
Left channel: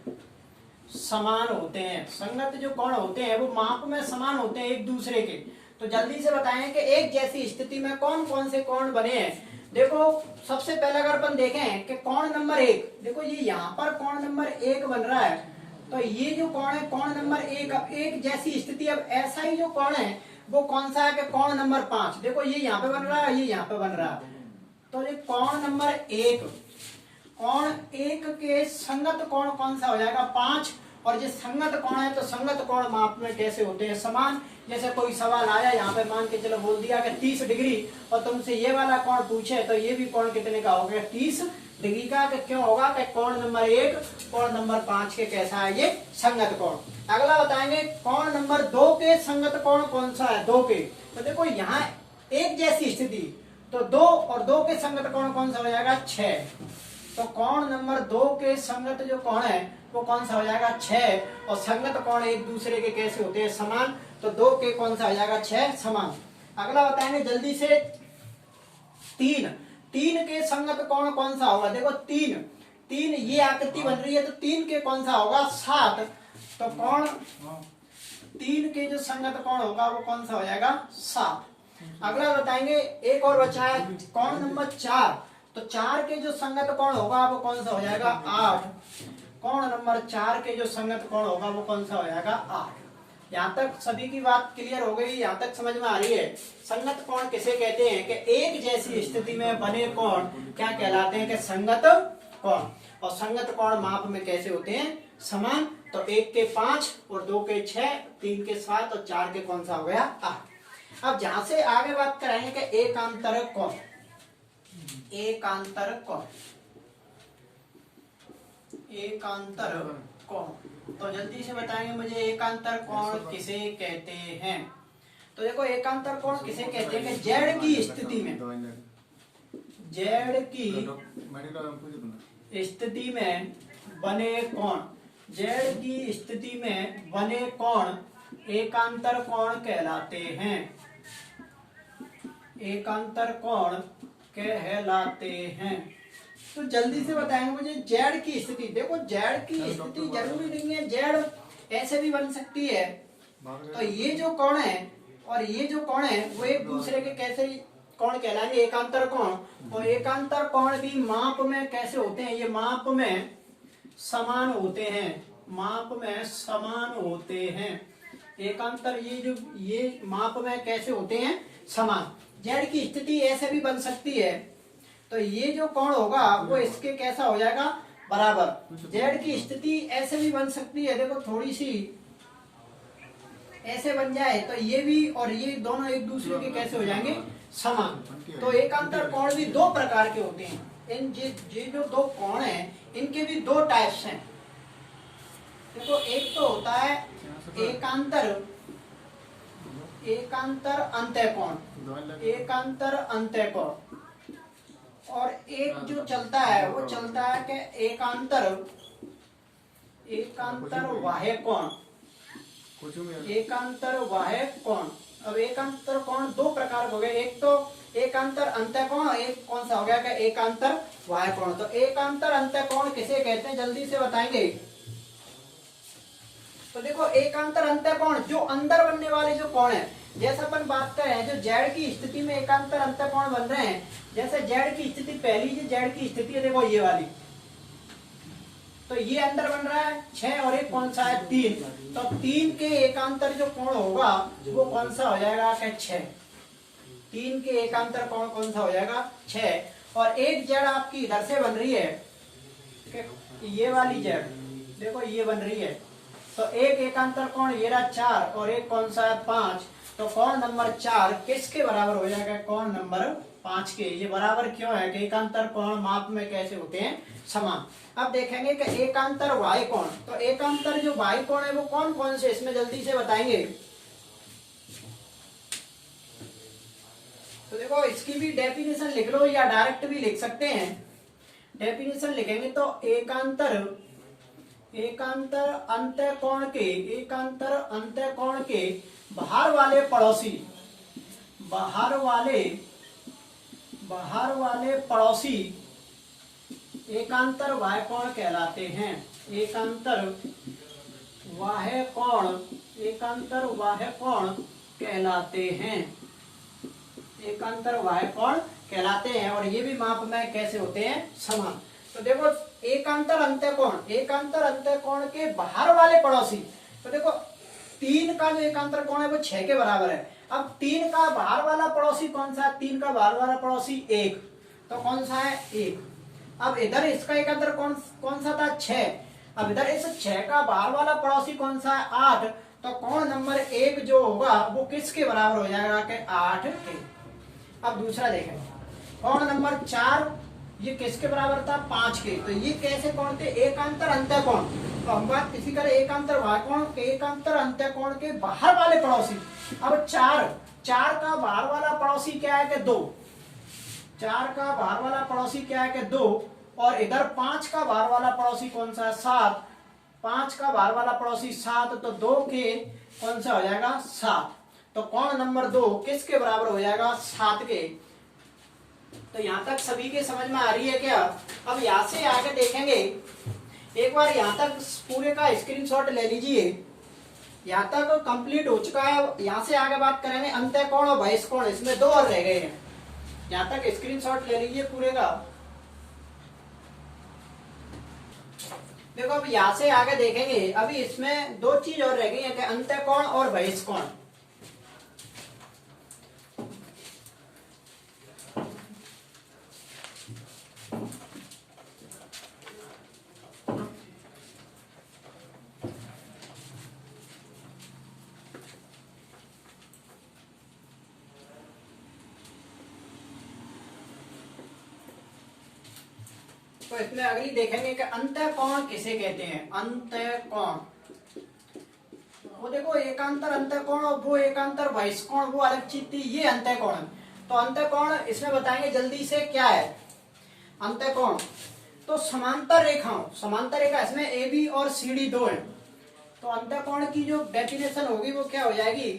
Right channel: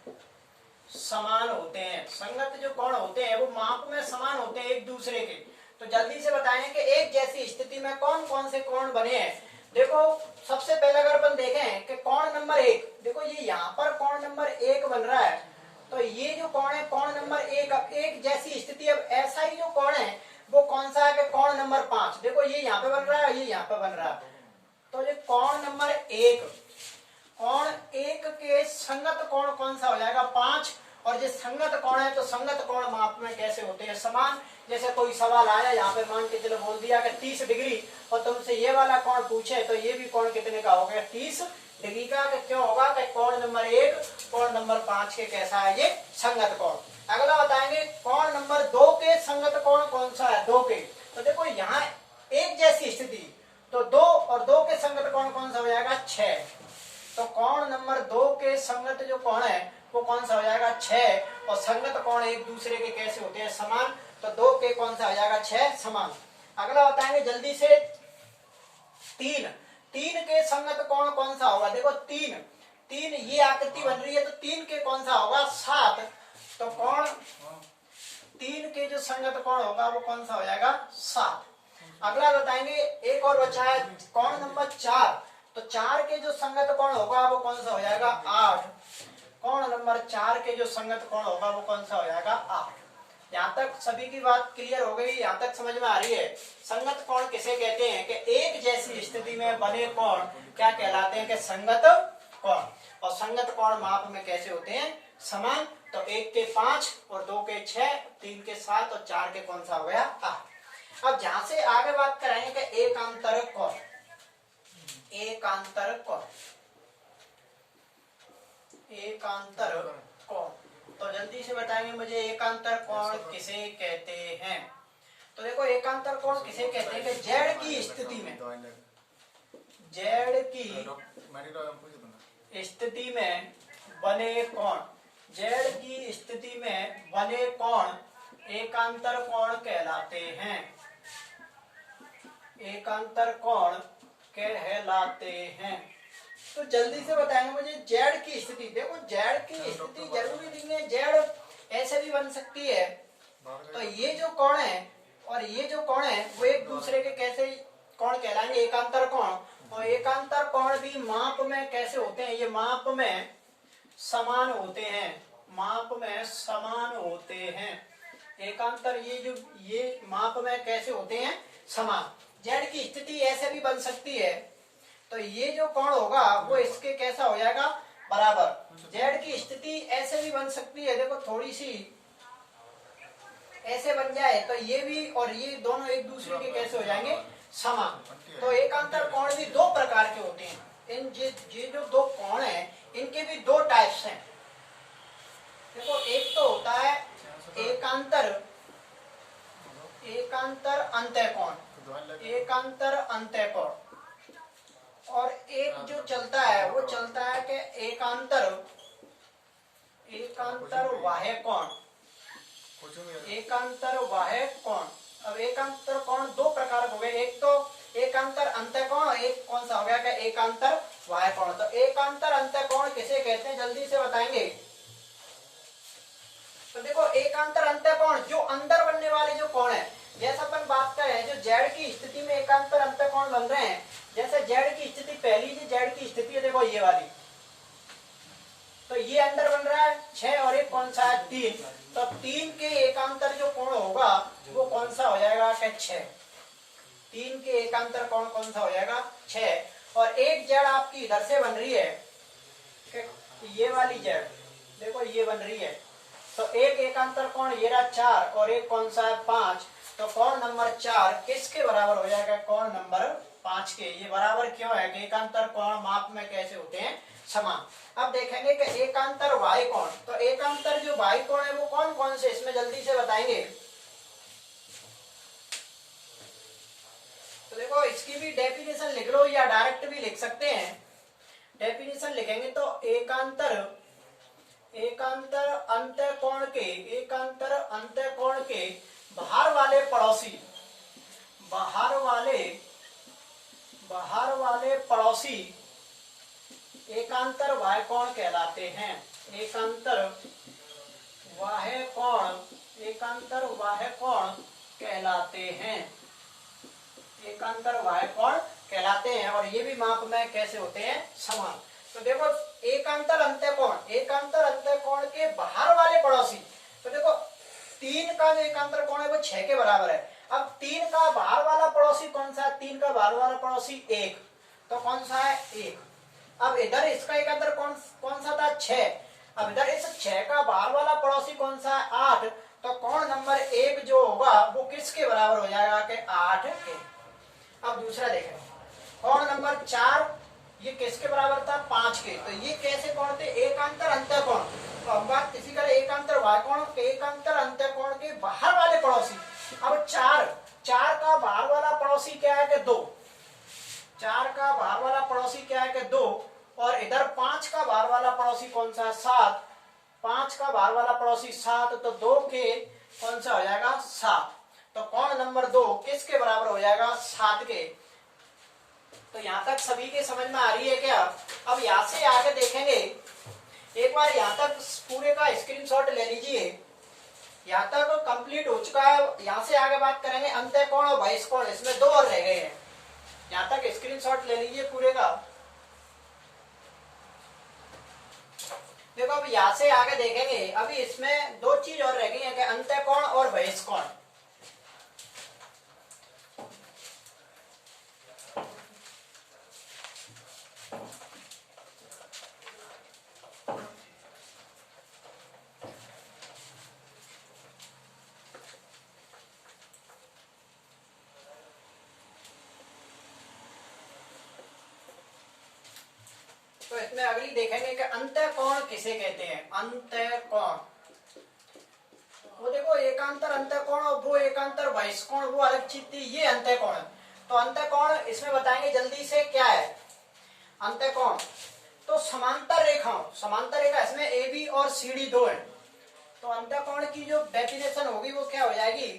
समान होते हैं। संगत जो कोण होते हैं वो माप में समान होते हैं एक दूसरे के। तो जल्दी से बताएं कि एक जैसी स्थिति में कौन कौन से कोण बने हैं। देखो सबसे पहले अगर अपन देखें कि कोण नंबर 1, देखो ये यहाँ पर कोण नंबर 1 बन रहा है। तो ये जो कोण है कोण नंबर 1, अब एक जैसी स्थिति, अब ऐसा ही जो कोण है वो कौन सा है कि कोण नंबर 5। देखो ये यहाँ पे बन रहा है, ये यहाँ पे बन रहा है। तो ये कोण नंबर 1, कोण 1 के संगत कोण कौन सा हो जाएगा 5। और जो संगत कोण है तो संगत कोण माप में कैसे होते हैं समान। जैसे कोई सवाल आया यहाँ पे मान के चलो बोल दिया कि 30 डिग्री और तुमसे ये वाला कोण पूछे तो ये भी कोण कितने का हो गया 30 डिग्री का। तो क्यों होगा कि कोण नंबर 1 कोण नंबर 5 के कैसा है ये संगत कोण। अगला बताएंगे कोण नंबर 2 के संगत कोण कौन सा है 2 के। तो देखो यहाँ एक जैसी स्थिति, तो 2 और 2 के संगत कोण कौन सा हो जाएगा 6। तो कोण नंबर 2 के संगत जो कोण है वो कौन सा हो जाएगा 6। और संगत कोण एक दूसरे के कैसे होते हैं समान। तो 2 के कौन सा हो जाएगा 6 समान। अगला बताएंगे जल्दी से 3 के संगत कोण कौन सा होगा। देखो 3 ये आकृति बन रही है तो 3 के कौन सा होगा 7। तो कोण 3 के जो संगत कोण होगा वो कौन सा हो जाएगा 7। अगला बताएंगे एक और बचा है कोण नंबर 4। तो 4 के जो संगत कोण होगा वो कौन सा हो जाएगा 8। कोण नंबर 4 के जो संगत कोण होगा वो कौन सा हो जाएगा 8। यहाँ तक सभी की बात क्लियर हो गई, यहाँ तक समझ में आ रही है। संगत कोण किसे कहते हैं कि एक जैसी स्थिति में बने कोण क्या कहलाते हैं कि संगत कोण। और संगत कोण माप में कैसे होते हैं समान। तो 1 के 5 और 2 के 6, 3 के 7 और 4 के कौन सा हो गया 8। अब जहां से आगे बात कराएंगे कि एकांतर कोण। एकांतर कोण, एकांतर कोण, तो जल्दी से बताएंगे मुझे एकांतर कोण किसे कहते हैं। तो देखो एकांतर कोण किसे कहते हैं कि जेड की स्थिति में, जेड की स्थिति में बने कोण, जेड की स्थिति में बने कोण एकांतर कोण कहलाते हैं। एकांतर कोण कहलाते हैं। तो जल्दी से बताएंगे मुझे जेड की स्थिति। देखो जेड की स्थिति जरूरी नहीं है जेड ऐसे भी बन सकती है। तो ये जो कोण है और ये जो कोण है वो एक दूसरे के कैसे कोण कहलाएंगे एकांतर कोण। और एकांतर कोण भी माप में कैसे होते हैं, ये माप में समान होते हैं, माप में समान होते हैं। एकांतर ये माप में कैसे होते हैं समान। जेड की स्थिति ऐसे भी बन सकती है। तो ये जो कोण होगा वो इसके कैसा हो जाएगा बराबर। जेड की स्थिति ऐसे भी बन सकती है, देखो थोड़ी सी ऐसे बन जाए तो ये भी और ये दोनों एक दूसरे के कैसे हो जाएंगे समान। तो एकांतर कोण भी दो प्रकार के होते हैं। इन ये जो दो कोण हैं इनके भी दो टाइप्स हैं। देखो एक तो होता है एकांतर अंतःकोण, एकांतर अंतःकोण, और एक जो चलता है वो चलता है कि एकांतर बाह्य कोण, एकांतर बाह्य कोण। अब एकांतर कोण दो प्रकार हो गए, एक तो एकांतर अंतःकोण, एक कौन सा हो गया कि एकांतर बाह्य कोण। तो एकांतर अंतःकोण किसे कहते हैं जल्दी से बताएंगे। तो देखो एकांतर अंतःकोण जो अंदर बनने वाले जो कोण है, जैसा अपन बात कर रहे हैं जो जेड की स्थिति में एकांतर अंतःकोण बन रहे हैं, जैसे जेड की स्थिति पहली जो जेड की स्थिति है देखो ये वाली, तो ये अंदर बन रहा है 6 और एक कौन सा है 3। तो 3 के एकांतर जो कोण होगा वो कौन सा हो जाएगा कि 6। 3 के एकांतर कोण कौन सा हो जाएगा 6। और एक जेड आपकी इधर से बन रही है कि ये वाली जेड देखो ये बन रही है, तो एक एकांतर कोण ये रहा 4 और एक कौन सा है 5। तो कोण नंबर 4 किसके बराबर हो जाएगा कोण नंबर 5 के। ये बराबर क्यों है कि एकांतर कोण माप में कैसे होते हैं समान। अब देखेंगे कि एकांतर बाह्य कोण। तो एकांतर जो बाह्य कोण है वो कौन कौन से इसमें जल्दी से बताएंगे। तो देखो इसकी भी डेफिनेशन लिख लो या डायरेक्ट भी लिख सकते हैं। डेफिनेशन लिखेंगे तो एकांतर अंतःकोण के, एकांतर अंतःकोण के बाहर वाले पड़ोसी, बाहर वाले पड़ोसी एकांतर बाह्य कोण कहलाते हैं। एकांतर बाह्य कोण, एकांतर बाह्य कोण कहलाते हैं, एकांतर बाह्य कोण कहलाते हैं। और ये भी माप में कैसे होते हैं समान। तो देखो एकांतर अंतःकोण, एकांतर अंतःकोण के बाहर वाले पड़ोसी। तो देखो 3 का जो एकांतर कोण है वो 6 के बराबर है। अब 3 का बाहर वाला पड़ोसी कौन सा है, 3 का बाहर वाला पड़ोसी 1, तो कौन सा है 1। अब इधर इसका एकांतर कौन सा था 6। अब इधर इस 6 का बाहर वाला पड़ोसी कौन सा है 8। तो कोण नंबर 1 जो होगा वो किसके बराबर हो जाएगा कि 8 के। अब दूसरा देखें कोण नंबर 4 ये किसके बराबर था 5 के। तो ये कैसे कोण थे एकांतर अंतःकोण। तो हम बात इसी करें एकांतर बाह्य कोण के, एकांतर अंतःकोण के बाहर वाले पड़ोसी। अब 4 का बाहर वाला पड़ोसी क्या है कि 2, 4 का बाहर वाला पड़ोसी क्या है कि 2। और इधर 5 का बाहर वाला पड़ोसी कौन सा है 7। 5 का बाहर वाला पड़ोसी 7, तो 2 के कौन सा हो जाएगा 7। तो कोण नंबर 2 किसके बराबर हो जाएगा 7 के। तो यहाँ तक सभी के समझ में आ रही है क्या। अब यहाँ से आगे देखेंगे, एक बार यहाँ तक पूरे का स्क्रीनशॉट ले लीजिए। यहाँ तक कंप्लीट हो चुका है। यहाँ से आगे बात करेंगे अंतःकोण और बहिष्कोण, इसमें 2 और रह गए हैं। यहाँ तक स्क्रीनशॉट ले लीजिए पूरे का। देखो अब यहाँ से आगे देखेंगे, अभी इसमें दो चीज और रह गई है कि अंतःकोण और बहिष्कोण। तो इसमें अगली देखेंगे कि अंतःकोण किसे कहते हैं। अंतःकोण, वो देखो एकांतर अंतःकोण और वो एकांतर बहिष्कोण वो अलग चीज थी, ये अंतःकोण। तो अंतःकोण इसमें बताएंगे जल्दी से क्या है। अंतःकोण तो समांतर रेखाओं, समांतर रेखा इसमें ए बी और सी डी दो है। तो अंतःकोण की जो डेफिनेशन होगी वो क्या हो जाएगी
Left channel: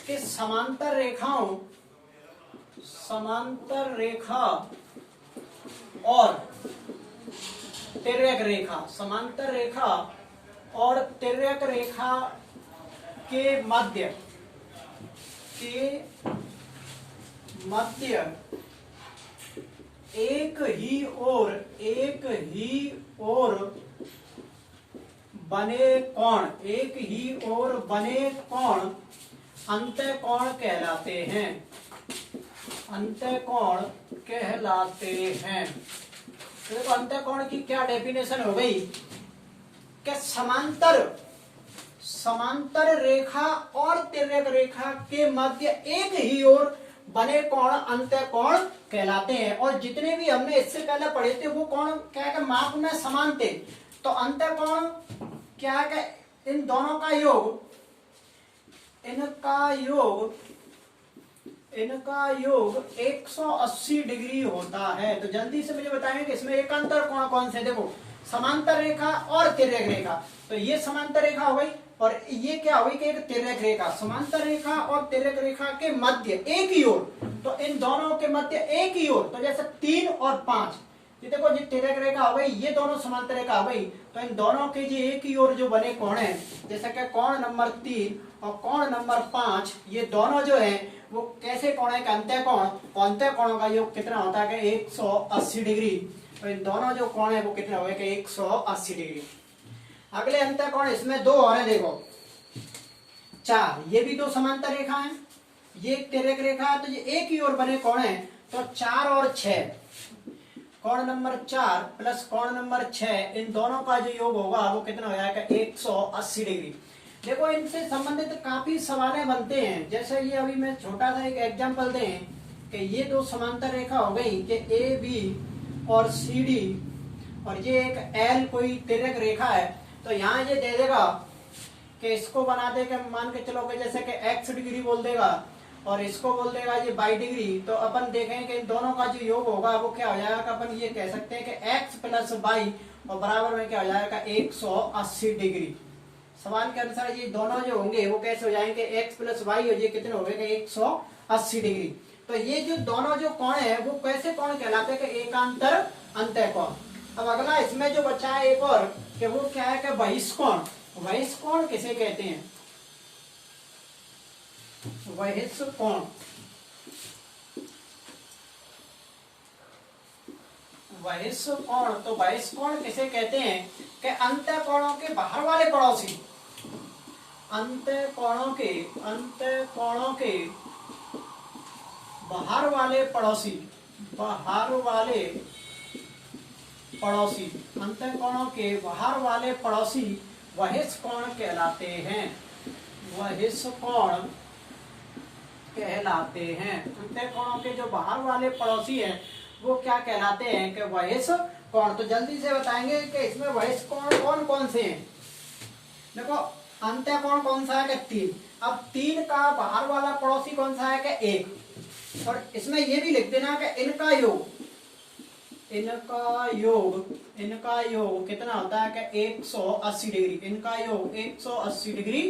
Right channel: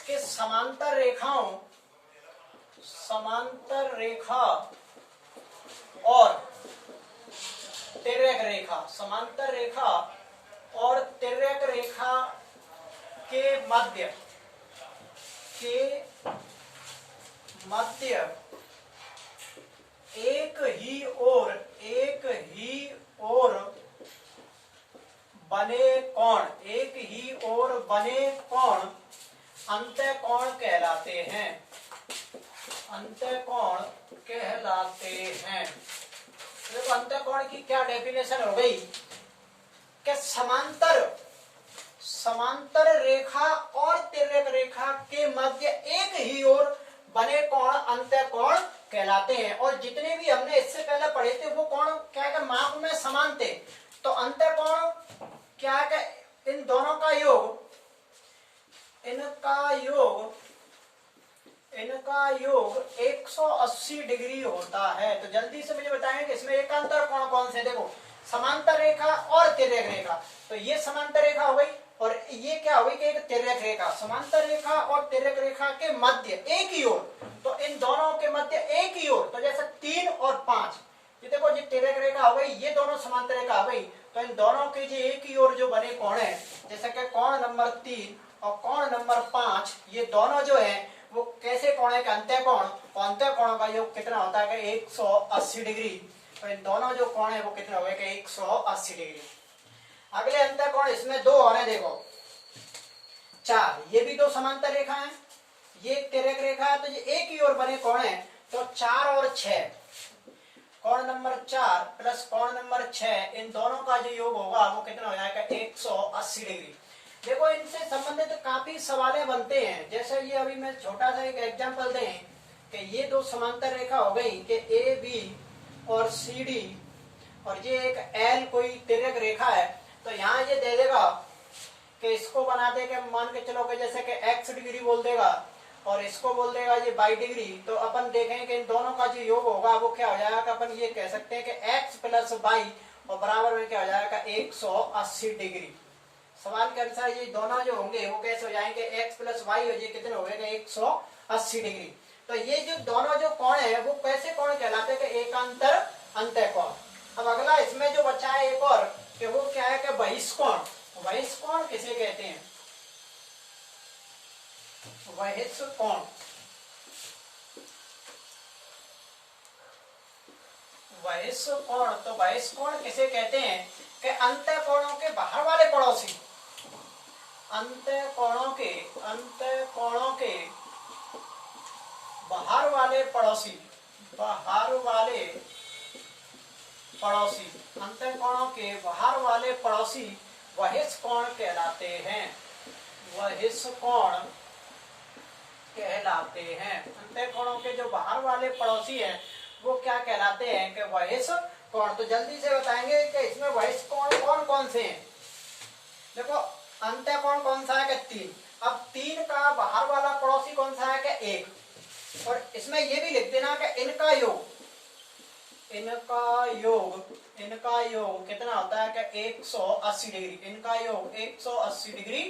कि समांतर रेखाओं, समांतर रेखा और तिर्यक रेखा, समांतर रेखा और तिर्यक रेखा के मध्य एक ही ओर बने कोण, एक ही ओर बने कोण अंतःकोण कहलाते हैं। अंतःकोण कहलाते हैं। तो देखो अंतःकोण की क्या डेफिनेशन हो गई कि समांतर रेखा और तिर्यक रेखा के मध्य एक ही ओर बने कोण अंतःकोण कहलाते हैं। और जितने भी हमने इससे पहले पढ़े थे वो कोण क्या है कि माप में समान थे। तो अंतःकोण क्या है कि इन दोनों का योग, इनका योग 180 डिग्री होता है। तो जल्दी से मुझे बताएंगे कि इसमें एकांतर कोण कौन से। देखो समांतर रेखा और तिर्यक रेखा, तो ये समांतर रेखा हो गई और ये क्या हो गई कि एक तिर्यक रेखा। समांतर रेखा और तिर्यक रेखा के मध्य एक ही ओर, तो इन दोनों के मध्य एक ही ओर, तो जैसे 3 और 5, ये देखो ये तिर्यक रेखा हो गई, ये दोनों समांतर रेखा हो गई। तो इन दोनों के जो एक ही ओर जो बने कोण है, जैसे कि कोण नंबर 3 और कोण नंबर 5, ये दोनों जो है वो कैसे कोण है कि अंतःकोण। अंतःकोणों का योग कितना होता है कि 180 डिग्री। तो इन दोनों जो कोण है वो कितना हो गया कि 180 डिग्री। अगले अंतःकोण इसमें दो और है, देखो 4, ये भी दो समांतर रेखा है, ये तिर्यक रेखा है, तो ये एक ही ओर बने कोण है। तो 4 और 6, कोण नंबर 4 प्लस कोण नंबर 6, इन दोनों का जो योग होगा वो कितना हो जाएगा 180 डिग्री। देखो इनसे संबंधित काफी सवालें बनते हैं। जैसे ये अभी मैं छोटा सा एक एग्जांपल दें कि ये दो समांतर रेखा हो गई कि ए बी और सी डी, और ये एक एल कोई तिर्यक रेखा है। तो यहाँ ये दे देगा कि इसको बना दे के मान के चलो कि जैसे कि x डिग्री बोल देगा और इसको बोल देगा ये y डिग्री। तो अपन देखें कि इन दोनों का जो योग होगा वो क्या हो जाएगा कि अपन ये कह सकते हैं कि x प्लस y और बराबर में क्या हो जाएगा 180 डिग्री। सवाल के अनुसार ये दोनों जो होंगे वो कैसे हो जाएंगे x प्लस वाई, और ये कितने हो गए 180 डिग्री। तो ये जो दोनों जो कोण है वो कैसे कोण कहलाते हैं कि एकांतर अंतःकोण। अब अगला इसमें जो बचा है एक और कि वो क्या है कि बहिष्कोण। बहिष्कोण किसे कहते हैं। बहिष्कोण, बहिष्कोण तो बहिष्कोण किसे कहते हैं कि अंतःकोणों के बाहर वाले पड़ोसी, अंतःकोणों के बाहर वाले पड़ोसी, अंतःकोणों के बाहर वाले पड़ोसी बहिष्कोण कहलाते हैं। बहिष्कोण कहलाते हैं। अंतःकोणों के जो बाहर वाले पड़ोसी हैं वो क्या कहलाते हैं कि बहिष्कोण। तो जल्दी से बताएंगे कि इसमें बहिष्कोण कौन कौन से हैं। देखो अंतःकोण कौन सा है कि 3। अब 3 का बाहर वाला पड़ोसी कौन सा है कि 1। और इसमें ये भी लिख देना कि इनका योग कितना होता है कि 180 डिग्री। इनका योग 180 डिग्री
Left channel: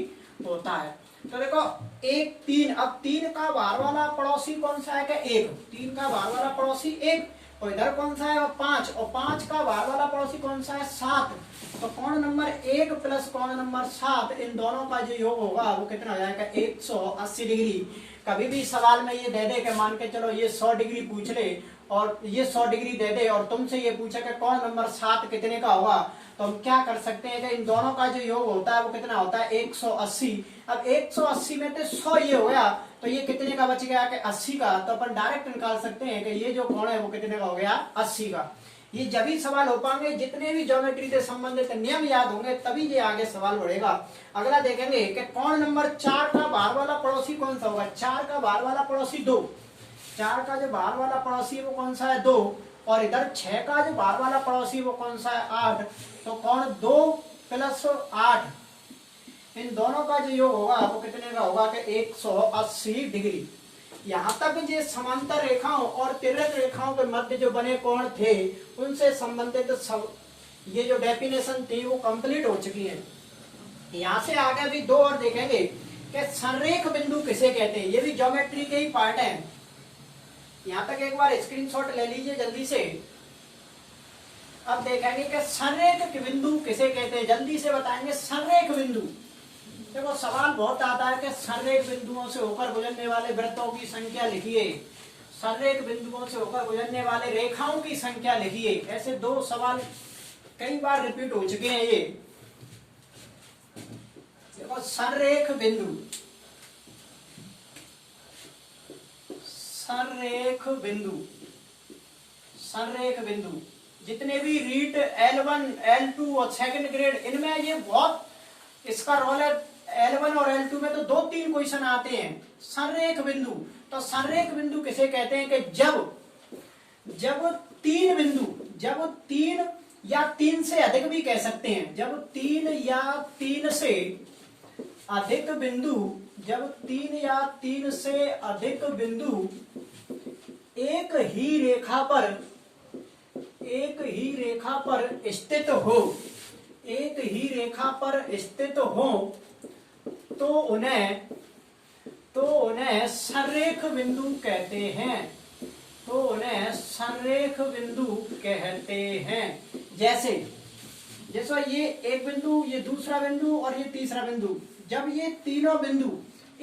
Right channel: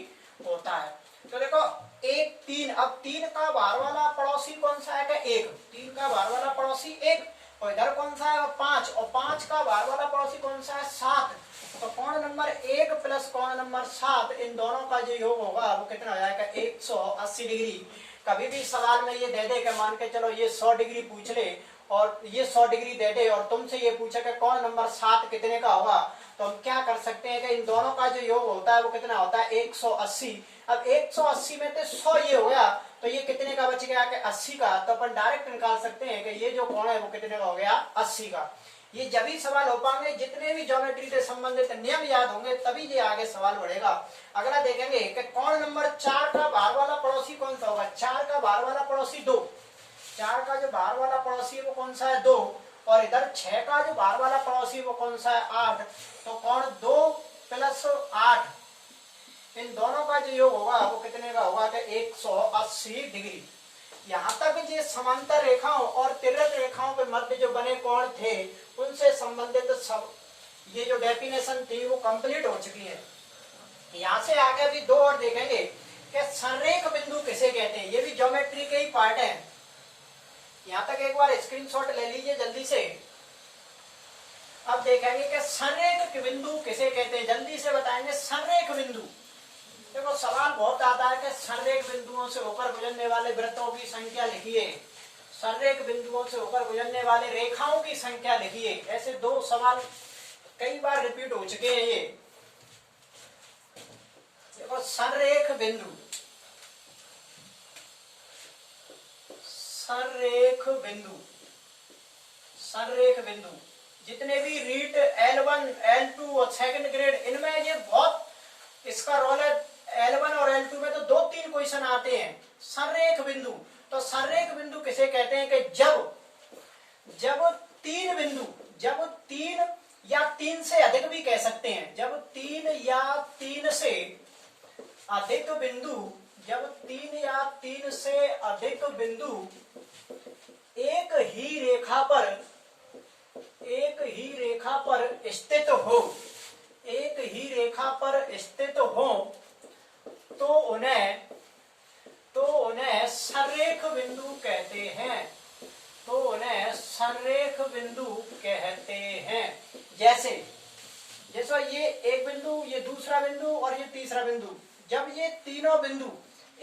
होता है। तो देखो 1 3, अब 3 का बाहर वाला पड़ोसी कौन सा है कि 1। 3 का बाहर वाला पड़ोसी 1, और इधर कौन सा है 5, और 5 का बाहर वाला पड़ोसी कौन सा है 7। तो कोण नंबर 1 प्लस कोण नंबर 7, इन दोनों का जो योग होगा वो कितना हो जाएगा 180 डिग्री। कभी भी सवाल में ये दे दे के मान के चलो ये 100 डिग्री पूछ ले और ये 100 डिग्री दे दे और तुमसे ये पूछे कि कौन नंबर 7 कितने का होगा, तो हम क्या कर सकते हैं कि इन दोनों का जो योग होता है वो कितना होता है 180। अब 180 में तो 100 ये हो गया, तो ये कितने का बच गया कि 80 का। तो अपन डायरेक्ट निकाल सकते हैं कि ये जो कोण है वो कितने का हो गया 80 का। ये जब ही सवाल हो पाएंगे जितने भी ज्योमेट्री से संबंधित नियम याद होंगे तभी ये आगे सवाल बढ़ेगा। अगला देखेंगे कि कोण नंबर 4 का बाहर वाला पड़ोसी कौन सा होगा। 4 का बाहर वाला पड़ोसी 2, 4 का जो बाहर वाला पड़ोसी है वो कौन सा है 2, और इधर 6 का जो बाहर वाला पड़ोसी है वो कौन सा है 8। तो कोण 2 + 8 इन दोनों का जो योग होगा वो कितने का होगा कि 180 डिग्री। यहाँ तक ये समांतर रेखाओं और तिर्यक रेखाओं के मध्य जो बने कोण थे उनसे संबंधित सब ये जो डेफिनेशन थी वो कंप्लीट हो चुकी है। यहाँ से आगे भी 2 और देखेंगे कि संरेख बिंदु किसे कहते हैं। ये भी ज्योमेट्री के ही पार्ट है। यहाँ तक एक बार स्क्रीनशॉट ले लीजिए जल्दी से। अब देखेंगे कि संरेख बिंदु किसे कहते हैं, जल्दी से बताएंगे। संरेख बिंदु, देखो सवाल बहुत आता है कि संरेख बिंदुओं से होकर गुजरने वाले वृत्तों की संख्या लिखिए, संरेख बिंदुओं से होकर गुजरने वाले रेखाओं की संख्या लिखिए। ऐसे 2 सवाल कई बार रिपीट हो चुके हैं। ये देखो संरेख बिंदु, संरेख बिंदु, संरेख बिंदु जितने भी रीट L1 L2 और सेकंड ग्रेड इनमें ये बहुत इसका रोल है। L1 और L2 में तो 2-3 क्वेश्चन आते हैं। संरेख बिंदु, तो संरेख बिंदु किसे कहते हैं कि जब 3 बिंदु, जब 3 या 3 से अधिक भी कह सकते हैं, जब 3 या 3 से अधिक बिंदु, जब 3 या 3 से अधिक बिंदु एक ही रेखा पर स्थित हो, एक ही रेखा पर स्थित हो तो उन्हें संरेख बिंदु कहते हैं, तो उन्हें संरेख बिंदु कहते हैं। जैसे ये एक बिंदु, ये दूसरा बिंदु और ये तीसरा बिंदु, जब ये तीनों बिंदु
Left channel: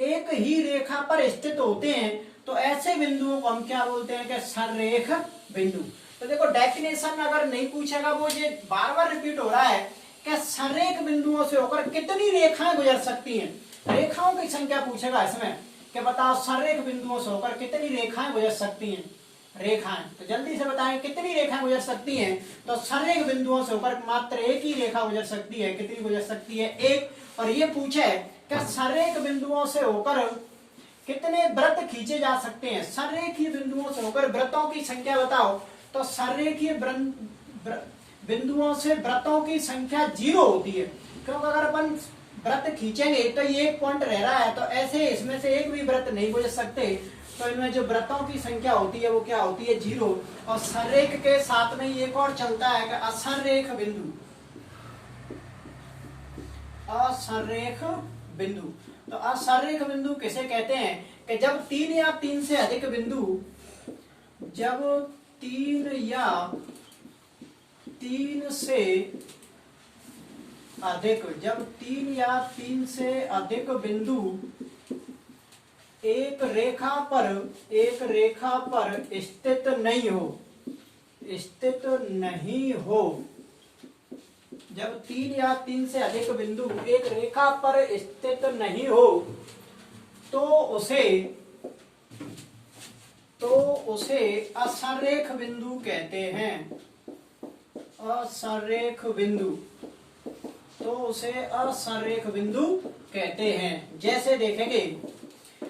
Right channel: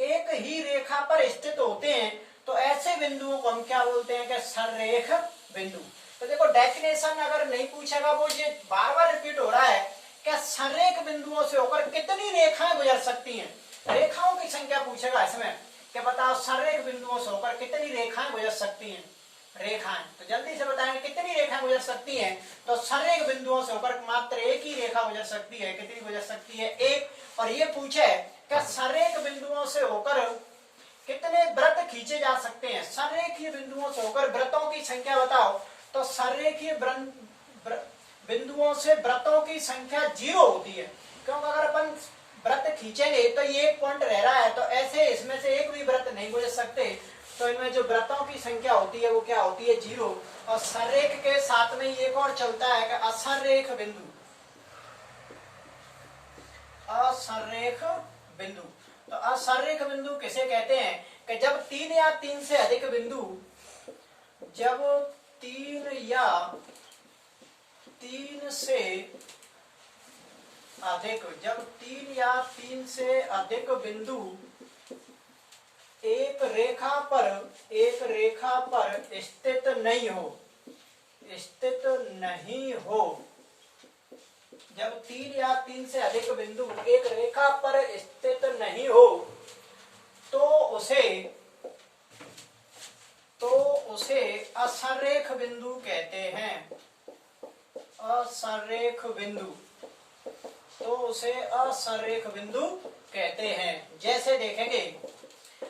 एक ही रेखा पर स्थित होते हैं तो ऐसे बिंदुओं को हम क्या बोलते हैं कि संरेख बिंदु। तो देखो डेफिनेशन अगर नहीं पूछेगा, वो ये बार बार रिपीट हो रहा है कि संरेख बिंदुओं से होकर कितनी रेखाएं गुजर सकती हैं। रेखाओं की संख्या पूछेगा इसमें कि बताओ संरेख बिंदुओं से होकर कितनी रेखाएं गुजर सकती हैं। रेखाएं तो जल्दी से बताएं कितनी रेखाएं गुजर सकती हैं। तो संरेख बिंदुओं से होकर मात्र एक ही रेखा गुजर सकती है। कितनी गुजर सकती है? एक। और ये पूछे कि संरेख बिंदुओं से होकर कितने वृत्त खींचे जा सकते हैं। संरेखीय बिंदुओं से होकर वृत्तों की संख्या बताओ। तो संरेखीय बिंदुओं से वृत्तों की संख्या 0 होती है, क्योंकि अगर अपन वृत्त खींचेंगे तो ये एक पॉइंट रह रहा है, तो ऐसे इसमें से एक भी वृत्त नहीं गुजर सकते। तो इनमें जो वृत्तों की संख्या होती है वो क्या होती है? 0। और संरेख के साथ में एक और चलता है कि असंरेख बिंदु, असंरेख बिंदु। तो असंरेख बिंदु किसे कहते हैं कि जब 3 या 3 से अधिक बिंदु, जब 3 या 3 से अधिक, जब 3 या 3 से अधिक बिंदु एक रेखा पर स्थित नहीं हो, स्थित नहीं हो, जब 3 या 3 से अधिक बिंदु एक रेखा पर स्थित नहीं हो तो उसे असंरेख बिंदु कहते हैं। असंरेख बिंदु, तो उसे असंरेख बिंदु कहते हैं। जैसे देखेंगे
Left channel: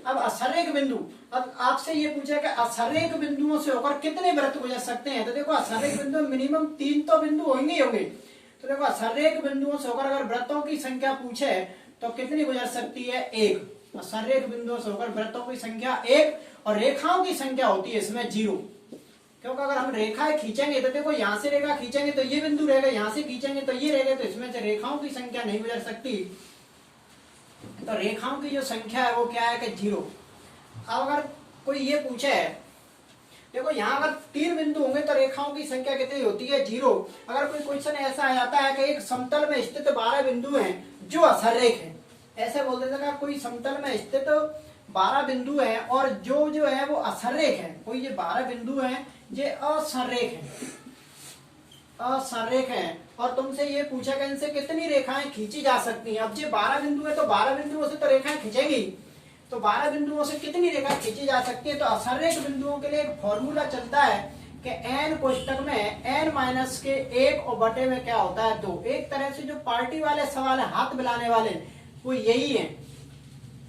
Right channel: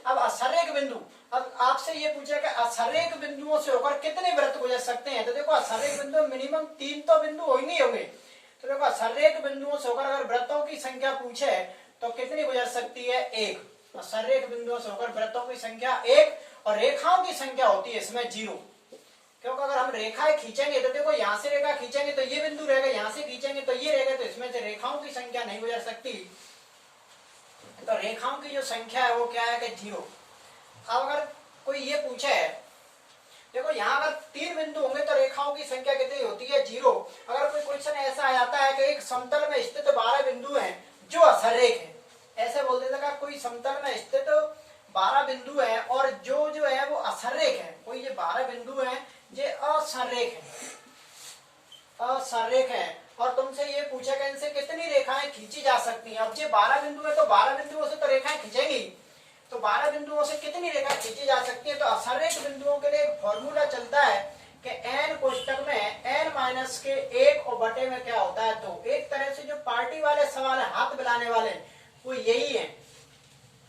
अब असंरेख बिंदु, अब आपसे ये पूछा कि असंरेख बिंदुओं से होकर कितने वृत्त गुजर सकते हैं। तो देखो असंरेख बिंदु मिनिमम 3 तो बिंदु होंगे। तो देखो असंरेख बिंदुओं से होकर अगर वृत्तों की संख्या पूछे तो कितनी गुजर सकती है? 1। असंरेख बिंदुओं से होकर वृत्तों की संख्या 1 और रेखाओं की संख्या होती है इसमें 0, क्योंकि अगर हम रेखाएं खींचेंगे तो देखो यहाँ से रेखा खींचेंगे तो ये बिंदु रहेगा, यहाँ से खींचेंगे तो ये रहेगा, तो इसमें से रेखाओं की संख्या नहीं गुजर सकती। तो रेखाओं की जो संख्या है वो क्या है कि 0। अब अगर कोई ये पूछे, देखो यहाँ अगर 3 बिंदु होंगे तो रेखाओं की संख्या कितनी होती है? 0। अगर कोई क्वेश्चन ऐसा आ जाता है कि एक समतल में स्थित 12 बिंदु हैं जो असंरेख है, ऐसे बोल देते हैं कोई समतल में स्थित 12 बिंदु हैं और जो है वो असंरेख है। कोई ये 12 बिंदु हैं ये असंरेख है, असंरेख है। और तुमसे ये पूछा गया इनसे कितनी रेखाएं खींची जा सकती हैं। अब ये 12 बिंदु है तो 12 बिंदुओं से तो रेखाएं खींचेंगी, तो 12 बिंदुओं से कितनी रेखा खींची जा सकती है। तो असंरेख बिंदुओं के लिए एक फॉर्मूला चलता है कि n कोष्टक में n माइनस के 1 और बटे में क्या होता है 2। एक तरह से जो पार्टी वाले सवाल है, हाथ मिलाने वाले, वो यही है।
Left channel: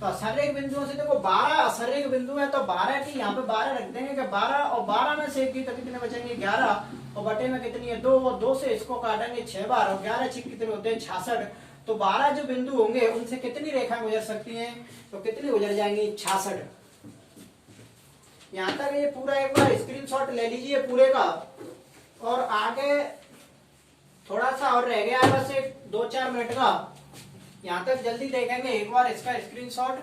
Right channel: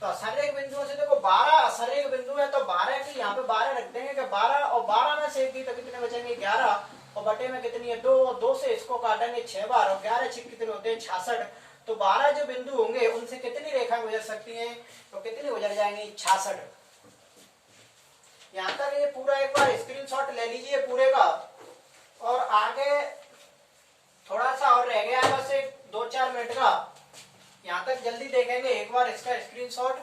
तो असंरेख बिंदुओं से देखो 12 असंरेख बिंदु है तो 12 की यहाँ पे 12 रख देंगे कि 12 और 12 में से की तो कितने बचेंगे 11 और बटे में कितनी है 2 और 2 से इसको काटेंगे 6 बार और 11 6 कितने होते हैं 66। तो 12 जो बिंदु होंगे उनसे कितनी रेखा गुजर सकती हैं, तो कितनी गुजर जाएंगी 66। यहाँ तक ये पूरा एक बार स्क्रीनशॉट ले लीजिए पूरे का। और आगे थोड़ा सा और रह गया है बस एक 2-4 मिनट का, यहाँ तक जल्दी देखेंगे एक बार इसका स्क्रीनशॉट।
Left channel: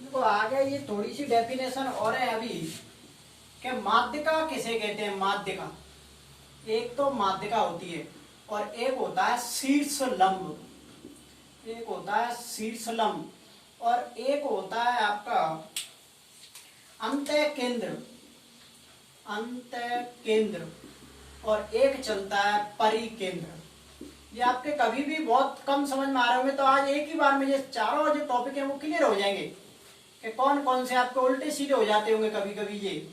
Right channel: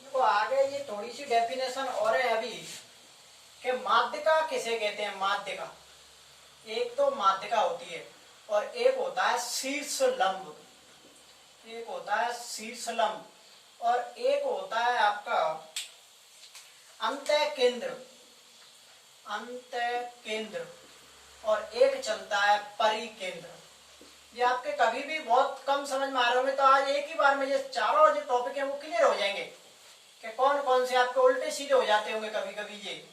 देखो आगे ये थोड़ी सी डेफिनेशन और है अभी कि माध्यिका किसे कहते हैं। माध्यिका, एक तो माध्यिका होती है और एक होता है शीर्ष लंब, एक होता है शीर्ष लंब और एक होता है आपका अंतः केंद्र, अंतः केंद्र और एक चलता है परिकेंद्र। ये आपके कभी भी बहुत कम समझ में आ रहे होंगे, तो आज एक ही बार में ये चारों जो टॉपिक है वो क्लियर हो जाएंगे कि कौन कौन से आपके उल्टे सीधे हो जाते होंगे कभी कभी। ये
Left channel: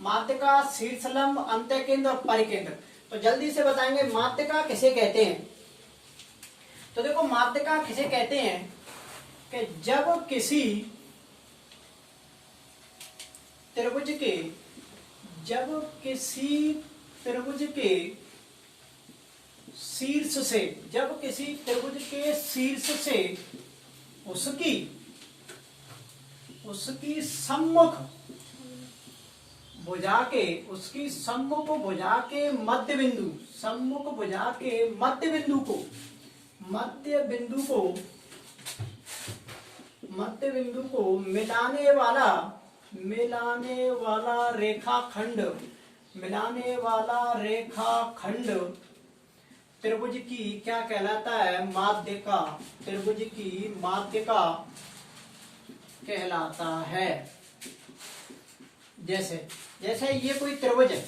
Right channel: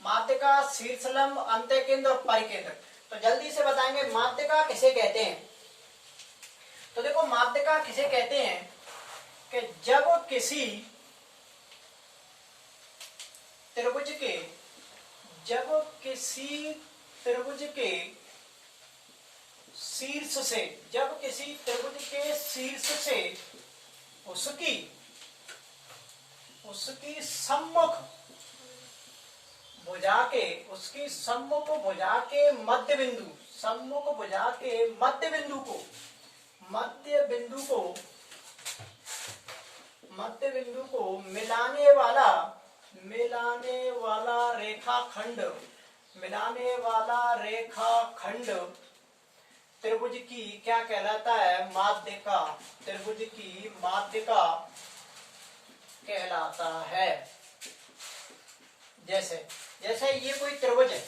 माध्यिका, शीर्षलंब, अंतः केंद्र और परिकेंद्र। तो जल्दी से बताएंगे माध्यिका किसे कहते हैं। तो देखो माध्यिका किसे कहते हैं कि जब किसी त्रिभुज के, जब किसी त्रिभुज के शीर्ष से, जब किसी त्रिभुज के शीर्ष से उसकी उसकी सम्मुख भुजा के, उसकी सम्मुख भुजा के मध्य बिंदु, सम्मुख भुजा के मध्य बिंदु को, मध्य बिंदु को, मध्य बिंदु को मिलाने वाला, मिलाने वाला रेखाखंड, मिलाने वाला रेखाखंड त्रिभुज की क्या कहलाता है, माध्यिका। त्रिभुज की माध्यिका कहलाता है। जैसे जैसे ये कोई त्रिभुज है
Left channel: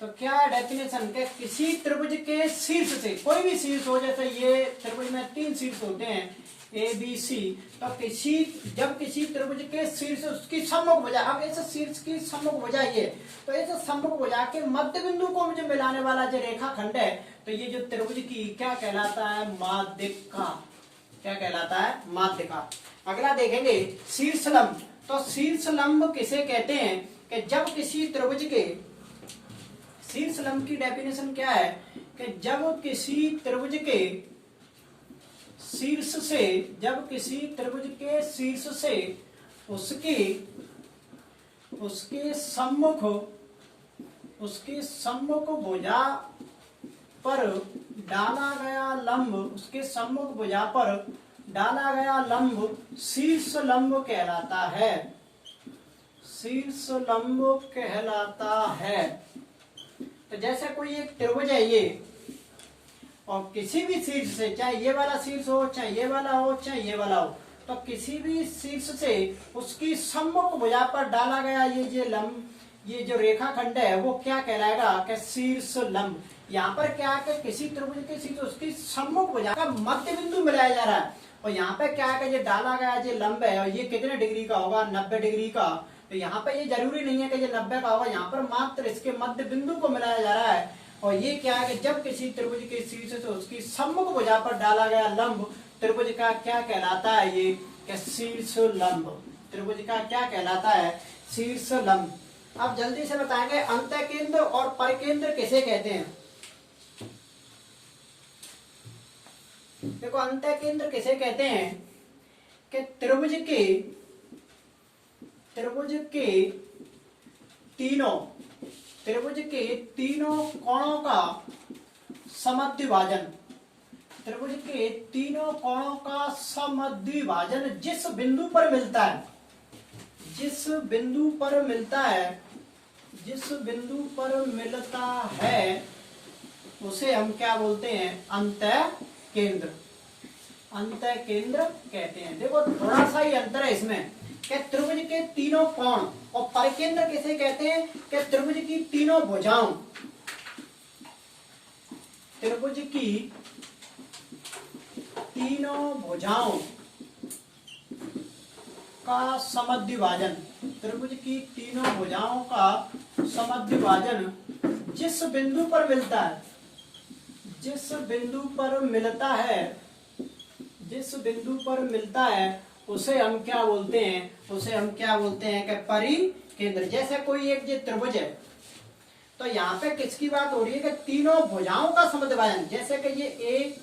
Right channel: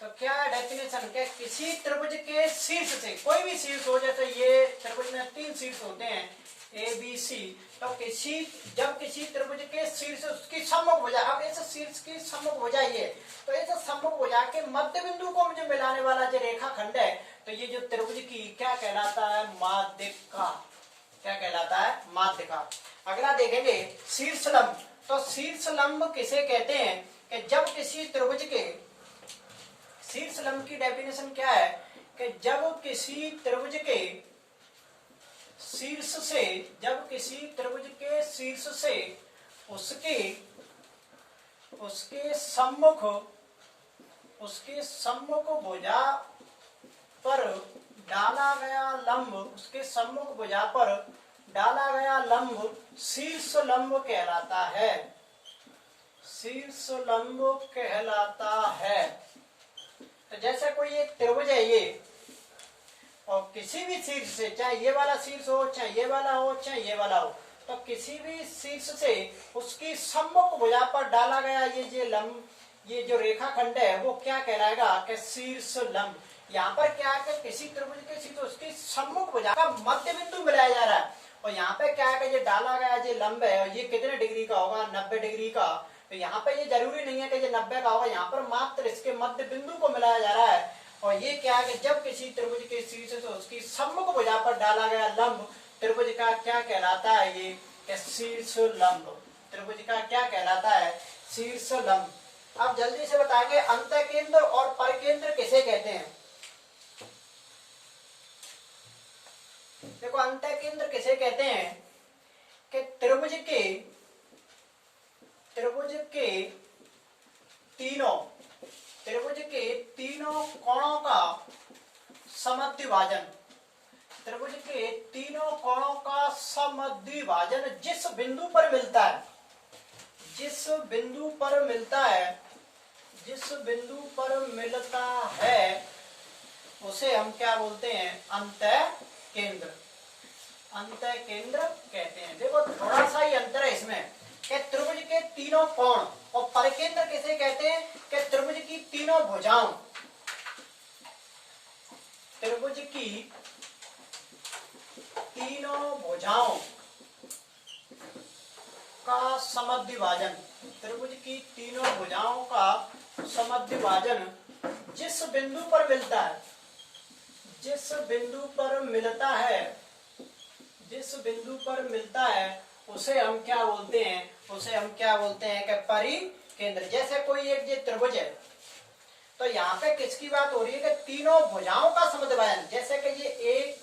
तो क्या डेफिनेशन के किसी त्रिभुज के शीर्ष से, कोई भी शीर्ष हो, जैसे ये त्रिभुज में 3 शीर्ष होते हैं ए बी सी, तो किसी, जब किसी त्रिभुज के शीर्ष उसकी सम्मुख भुजा, अब ऐसे शीर्ष की सम्मुख भुजा ये, तो ऐसे सम्मुख भुजा के मध्य बिंदु को मुझे मिलाने वाला जो रेखाखंड है, तो ये जो त्रिभुज की क्या कहलाता है, माध्यिका। क्या कहलाता है, माध्यिका। अगला देखेंगे शीर्षलंब। तो शीर्षलंब किसे कहते हैं कि जब किसी त्रिभुज के, शीर्षलंब की डेफिनेशन क्या है कि जब किसी त्रिभुज के शीर्ष से, जब किसी त्रिभुज के शीर्ष से उसके उसके सम्मुख, उसके सम्मुख भुजा पर डाला गया लंब, उसके सम्मुख भुजा पर डाला गया लंब शीर्ष लंब कहलाता है, शीर्ष लंब कहलाता है। तो जैसे कोई एक त्रिभुज है ये, और किसी भी शीर्ष से, चाहे ये वाला शीर्ष हो, चाहे ये वाला हो, चाहे ये वाला हो, तो किसी भी शीर्ष से उसकी सम्मुख भुजा पर डाला गया ये लंब, ये जो रेखाखंड है वो क्या कहलाएगा कि शीर्ष लंब। यहाँ पर क्या है कि किसी त्रिभुज के शीर्ष उसकी सम्मुख भुजा का मध्य बिंदु मिलाया जा रहा है, और यहाँ पे क्या है कि ये डाला गया ये लंब है और ये कितने डिग्री का होगा, 90 डिग्री का। तो यहाँ पे ये जरूरी नहीं है कि ये 90 का होगा, यहाँ पर मात्र इसके मध्य बिंदु को मिलाया जा रहा है। और ये क्या है कि जब किसी त्रिभुज के शीर्ष से उसकी सम्मुख भुजा पर डाला गया लंब त्रिभुज का क्या कहलाता है, ये शीर्ष लंब। त्रिभुज का क्या कहलाता है, शीर्ष लंब। अब जल्दी से बताएंगे अंतः केंद्र और परिकेंद्र किसे कहते हैं। देखो अंतः केंद्र किसे कहते हैं कि त्रिभुज के तीनों कोणों का समद्विभाजन, त्रिभुज के तीनों कोणों का समद्विभाजन जिस बिंदु पर मिलता है, जिस बिंदु पर मिलता है, जिस बिंदु पर मिलता है उसे हम क्या बोलते हैं? अंतः केंद्र। अंतः केंद्र कहते हैं। देखो थोड़ा सा ही अंतर है इसमें कि त्रिभुज के तीनों कोण, और परिकेंद्र किसे कहते हैं? कि त्रिभुज की तीनों भुजाओं, त्रिभुज की तीनों भुजाओं का समद्विभाजन, त्रिभुज की तीनों भुजाओं का समद्विभाजन जिस बिंदु पर मिलता है, जिस बिंदु पर मिलता है, जिस बिंदु पर मिलता है उसे हम क्या बोलते हैं? उसे हम क्या बोलते हैं? कि परिकेंद्र। जैसे कोई एक ये त्रिभुज है, तो यहाँ पे किसकी बात हो रही है? कि तीनों भुजाओं का समद्विभाजन। जैसे कि ये ए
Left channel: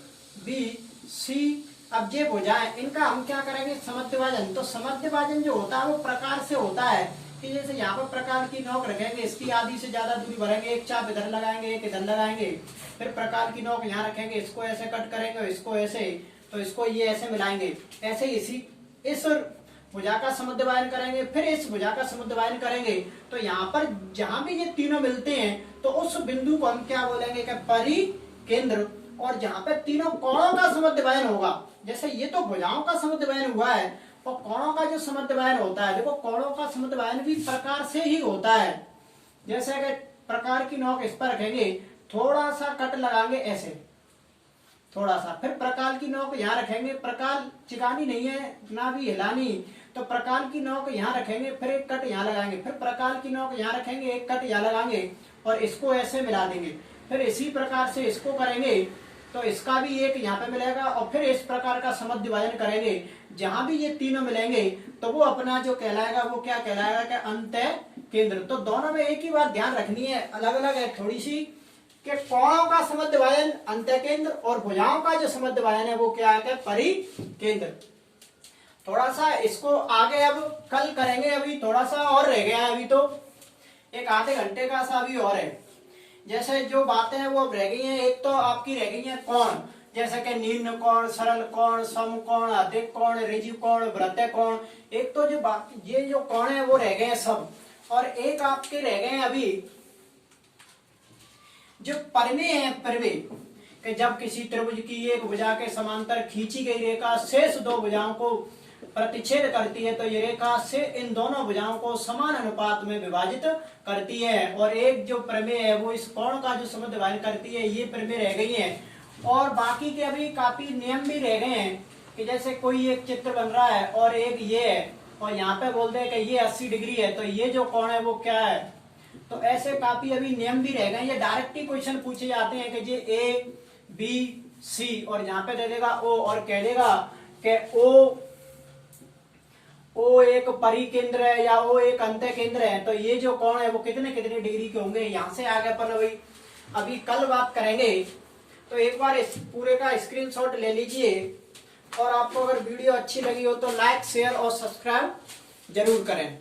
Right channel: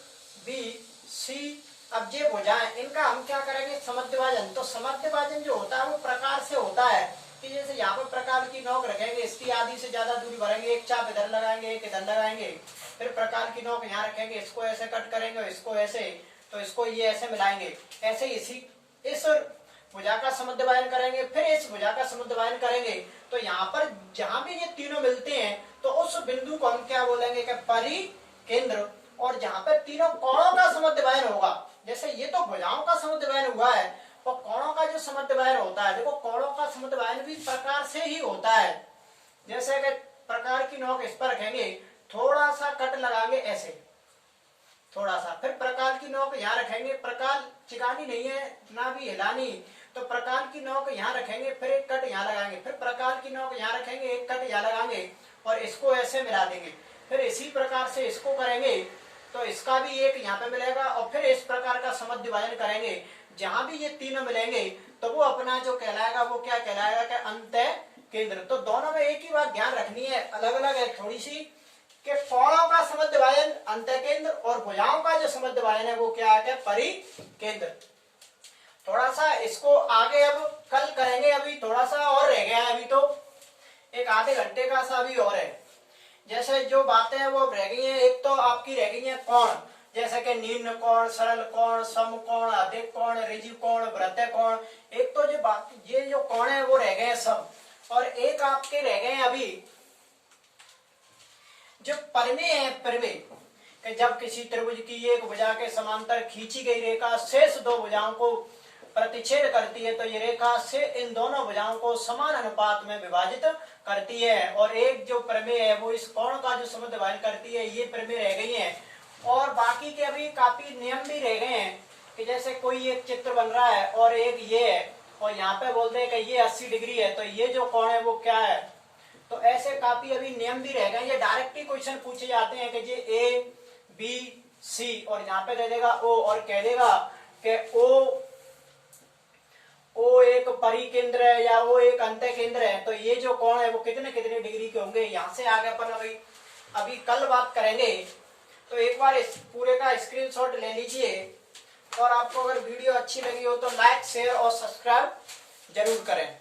बी सी, अब ये भुजाएं, इनका हम क्या करेंगे? समद्विभाजन। तो समद्विभाजन जो होता है वो प्रकार से होता है कि जैसे यहाँ पर प्रकार की नोक रखेंगे, इसकी आधी से ज्यादा दूरी भरेंगे, एक चाप इधर लगाएंगे, एक इधर लगाएंगे, फिर प्रकार की नोक यहाँ रखेंगे, इसको ऐसे कट करेंगे, इसको ऐसे, तो इसको ये ऐसे मिलाएंगे, ऐसे इस भुजा का समद्विभाजन करेंगे, फिर इस भुजा का समद्विभाजन करेंगे। तो यहाँ पर जहां भी ये तीनों मिलते हैं तो उस बिंदु को हम क्या बोलेंगे? कि परिकेंद्र। और जहां पे तीनों कोणों का समद्विभाजन होगा, जैसे ये तो भुजाओं का समद्विभाजन हुआ है, और कोणों का जो समद्विभाजन होता है, देखो कोणों का समद्विभाजन भी प्रकार से ही होता है। जैसे कि प्रकार की नोक इस पर रखेंगे, थोड़ा सा कट लगाएंगे ऐसे, थोड़ा सा, फिर प्रकार की नोक यहाँ रखेंगे, प्रकार चिकानी नहीं है ना भी हिलानी, तो प्रकार की नोक यहाँ रखेंगे, फिर एक कट यहाँ लगाएंगे, फिर प्रकार की नोक यहाँ रखेंगे, एक कट यहाँ लगाएंगे, और इसको ऐसे मिला देंगे। फिर इसी प्रकार से इसको करेंगे तो इसका भी एक यहाँ पे मिलेगा, और फिर इस प्रकार का समद्विभाजन करेंगे। जहां भी ये तीनों मिलेंगे तो वो अपना जो कहलाएगा वो क्या कहलाएगा? कि अंतः केंद्र। तो दोनों में एक ही बात ध्यान रखनी है, अलग अलग है थोड़ी सी, कि कोणों का समद्विभाजन अंतः केंद्र, और भुजाओं का जो समद्विभाजन है वो क्या है? परिकेंद्र। थोड़ा सा इसको आगे अब कल करेंगे, अभी थोड़ा सा और रह गया है, अभी तो एक आधे घंटे का सा अभी और है। जैसे जो बातें हैं वो रह गई हैं, एक तो आपकी रह गई है कोण, जैसे कि निम्न कोण, सरल कोण, समकोण, अधिक कोण, ऋजु कोण, वृत्तीय कोण। एक तो जो ये जो कोण है वो रह गए हैं सब, और एक आपके रह गए हैं अभी जो परिमेय है, परिमेय, कि जब किसी त्रिभुज की एक भुजा के समांतर खींची गई रेखा शेष दो भुजाओं को प्रतिच्छेद करती है, तो ये रेखा से इन दोनों भुजाओं को समान अनुपात में विभाजित करती है। और एक जो प्रमेय है वो इस कोण का जो समद्विभाजन करती है, ये प्रमेय रह गई है। और बाकी के अभी काफी नियम भी रह गए हैं, कि जैसे कोई एक चित्र बन रहा है और एक ये है, और यहाँ पे बोलते हैं कि ये 80 डिग्री है, तो ये जो कोण है वो क्या है? तो ऐसे काफी अभी नियम भी रह गए। ये डायरेक्ट ही क्वेश्चन पूछे जाते हैं कि ये ए बी सी, और यहाँ पे दे देगा ओ, और कह देगा कि ओ एक परिकेंद्र है या ओ एक अंतः केंद्र है, तो ये जो कोण है वो कितने कितने डिग्री के होंगे। यहाँ से आगे अपन अभी कल बात करेंगे। तो एक बार इस पूरे का स्क्रीनशॉट ले लीजिए, और आपको अगर वीडियो अच्छी लगी हो तो लाइक, शेयर और सब्सक्राइब जरूर करें।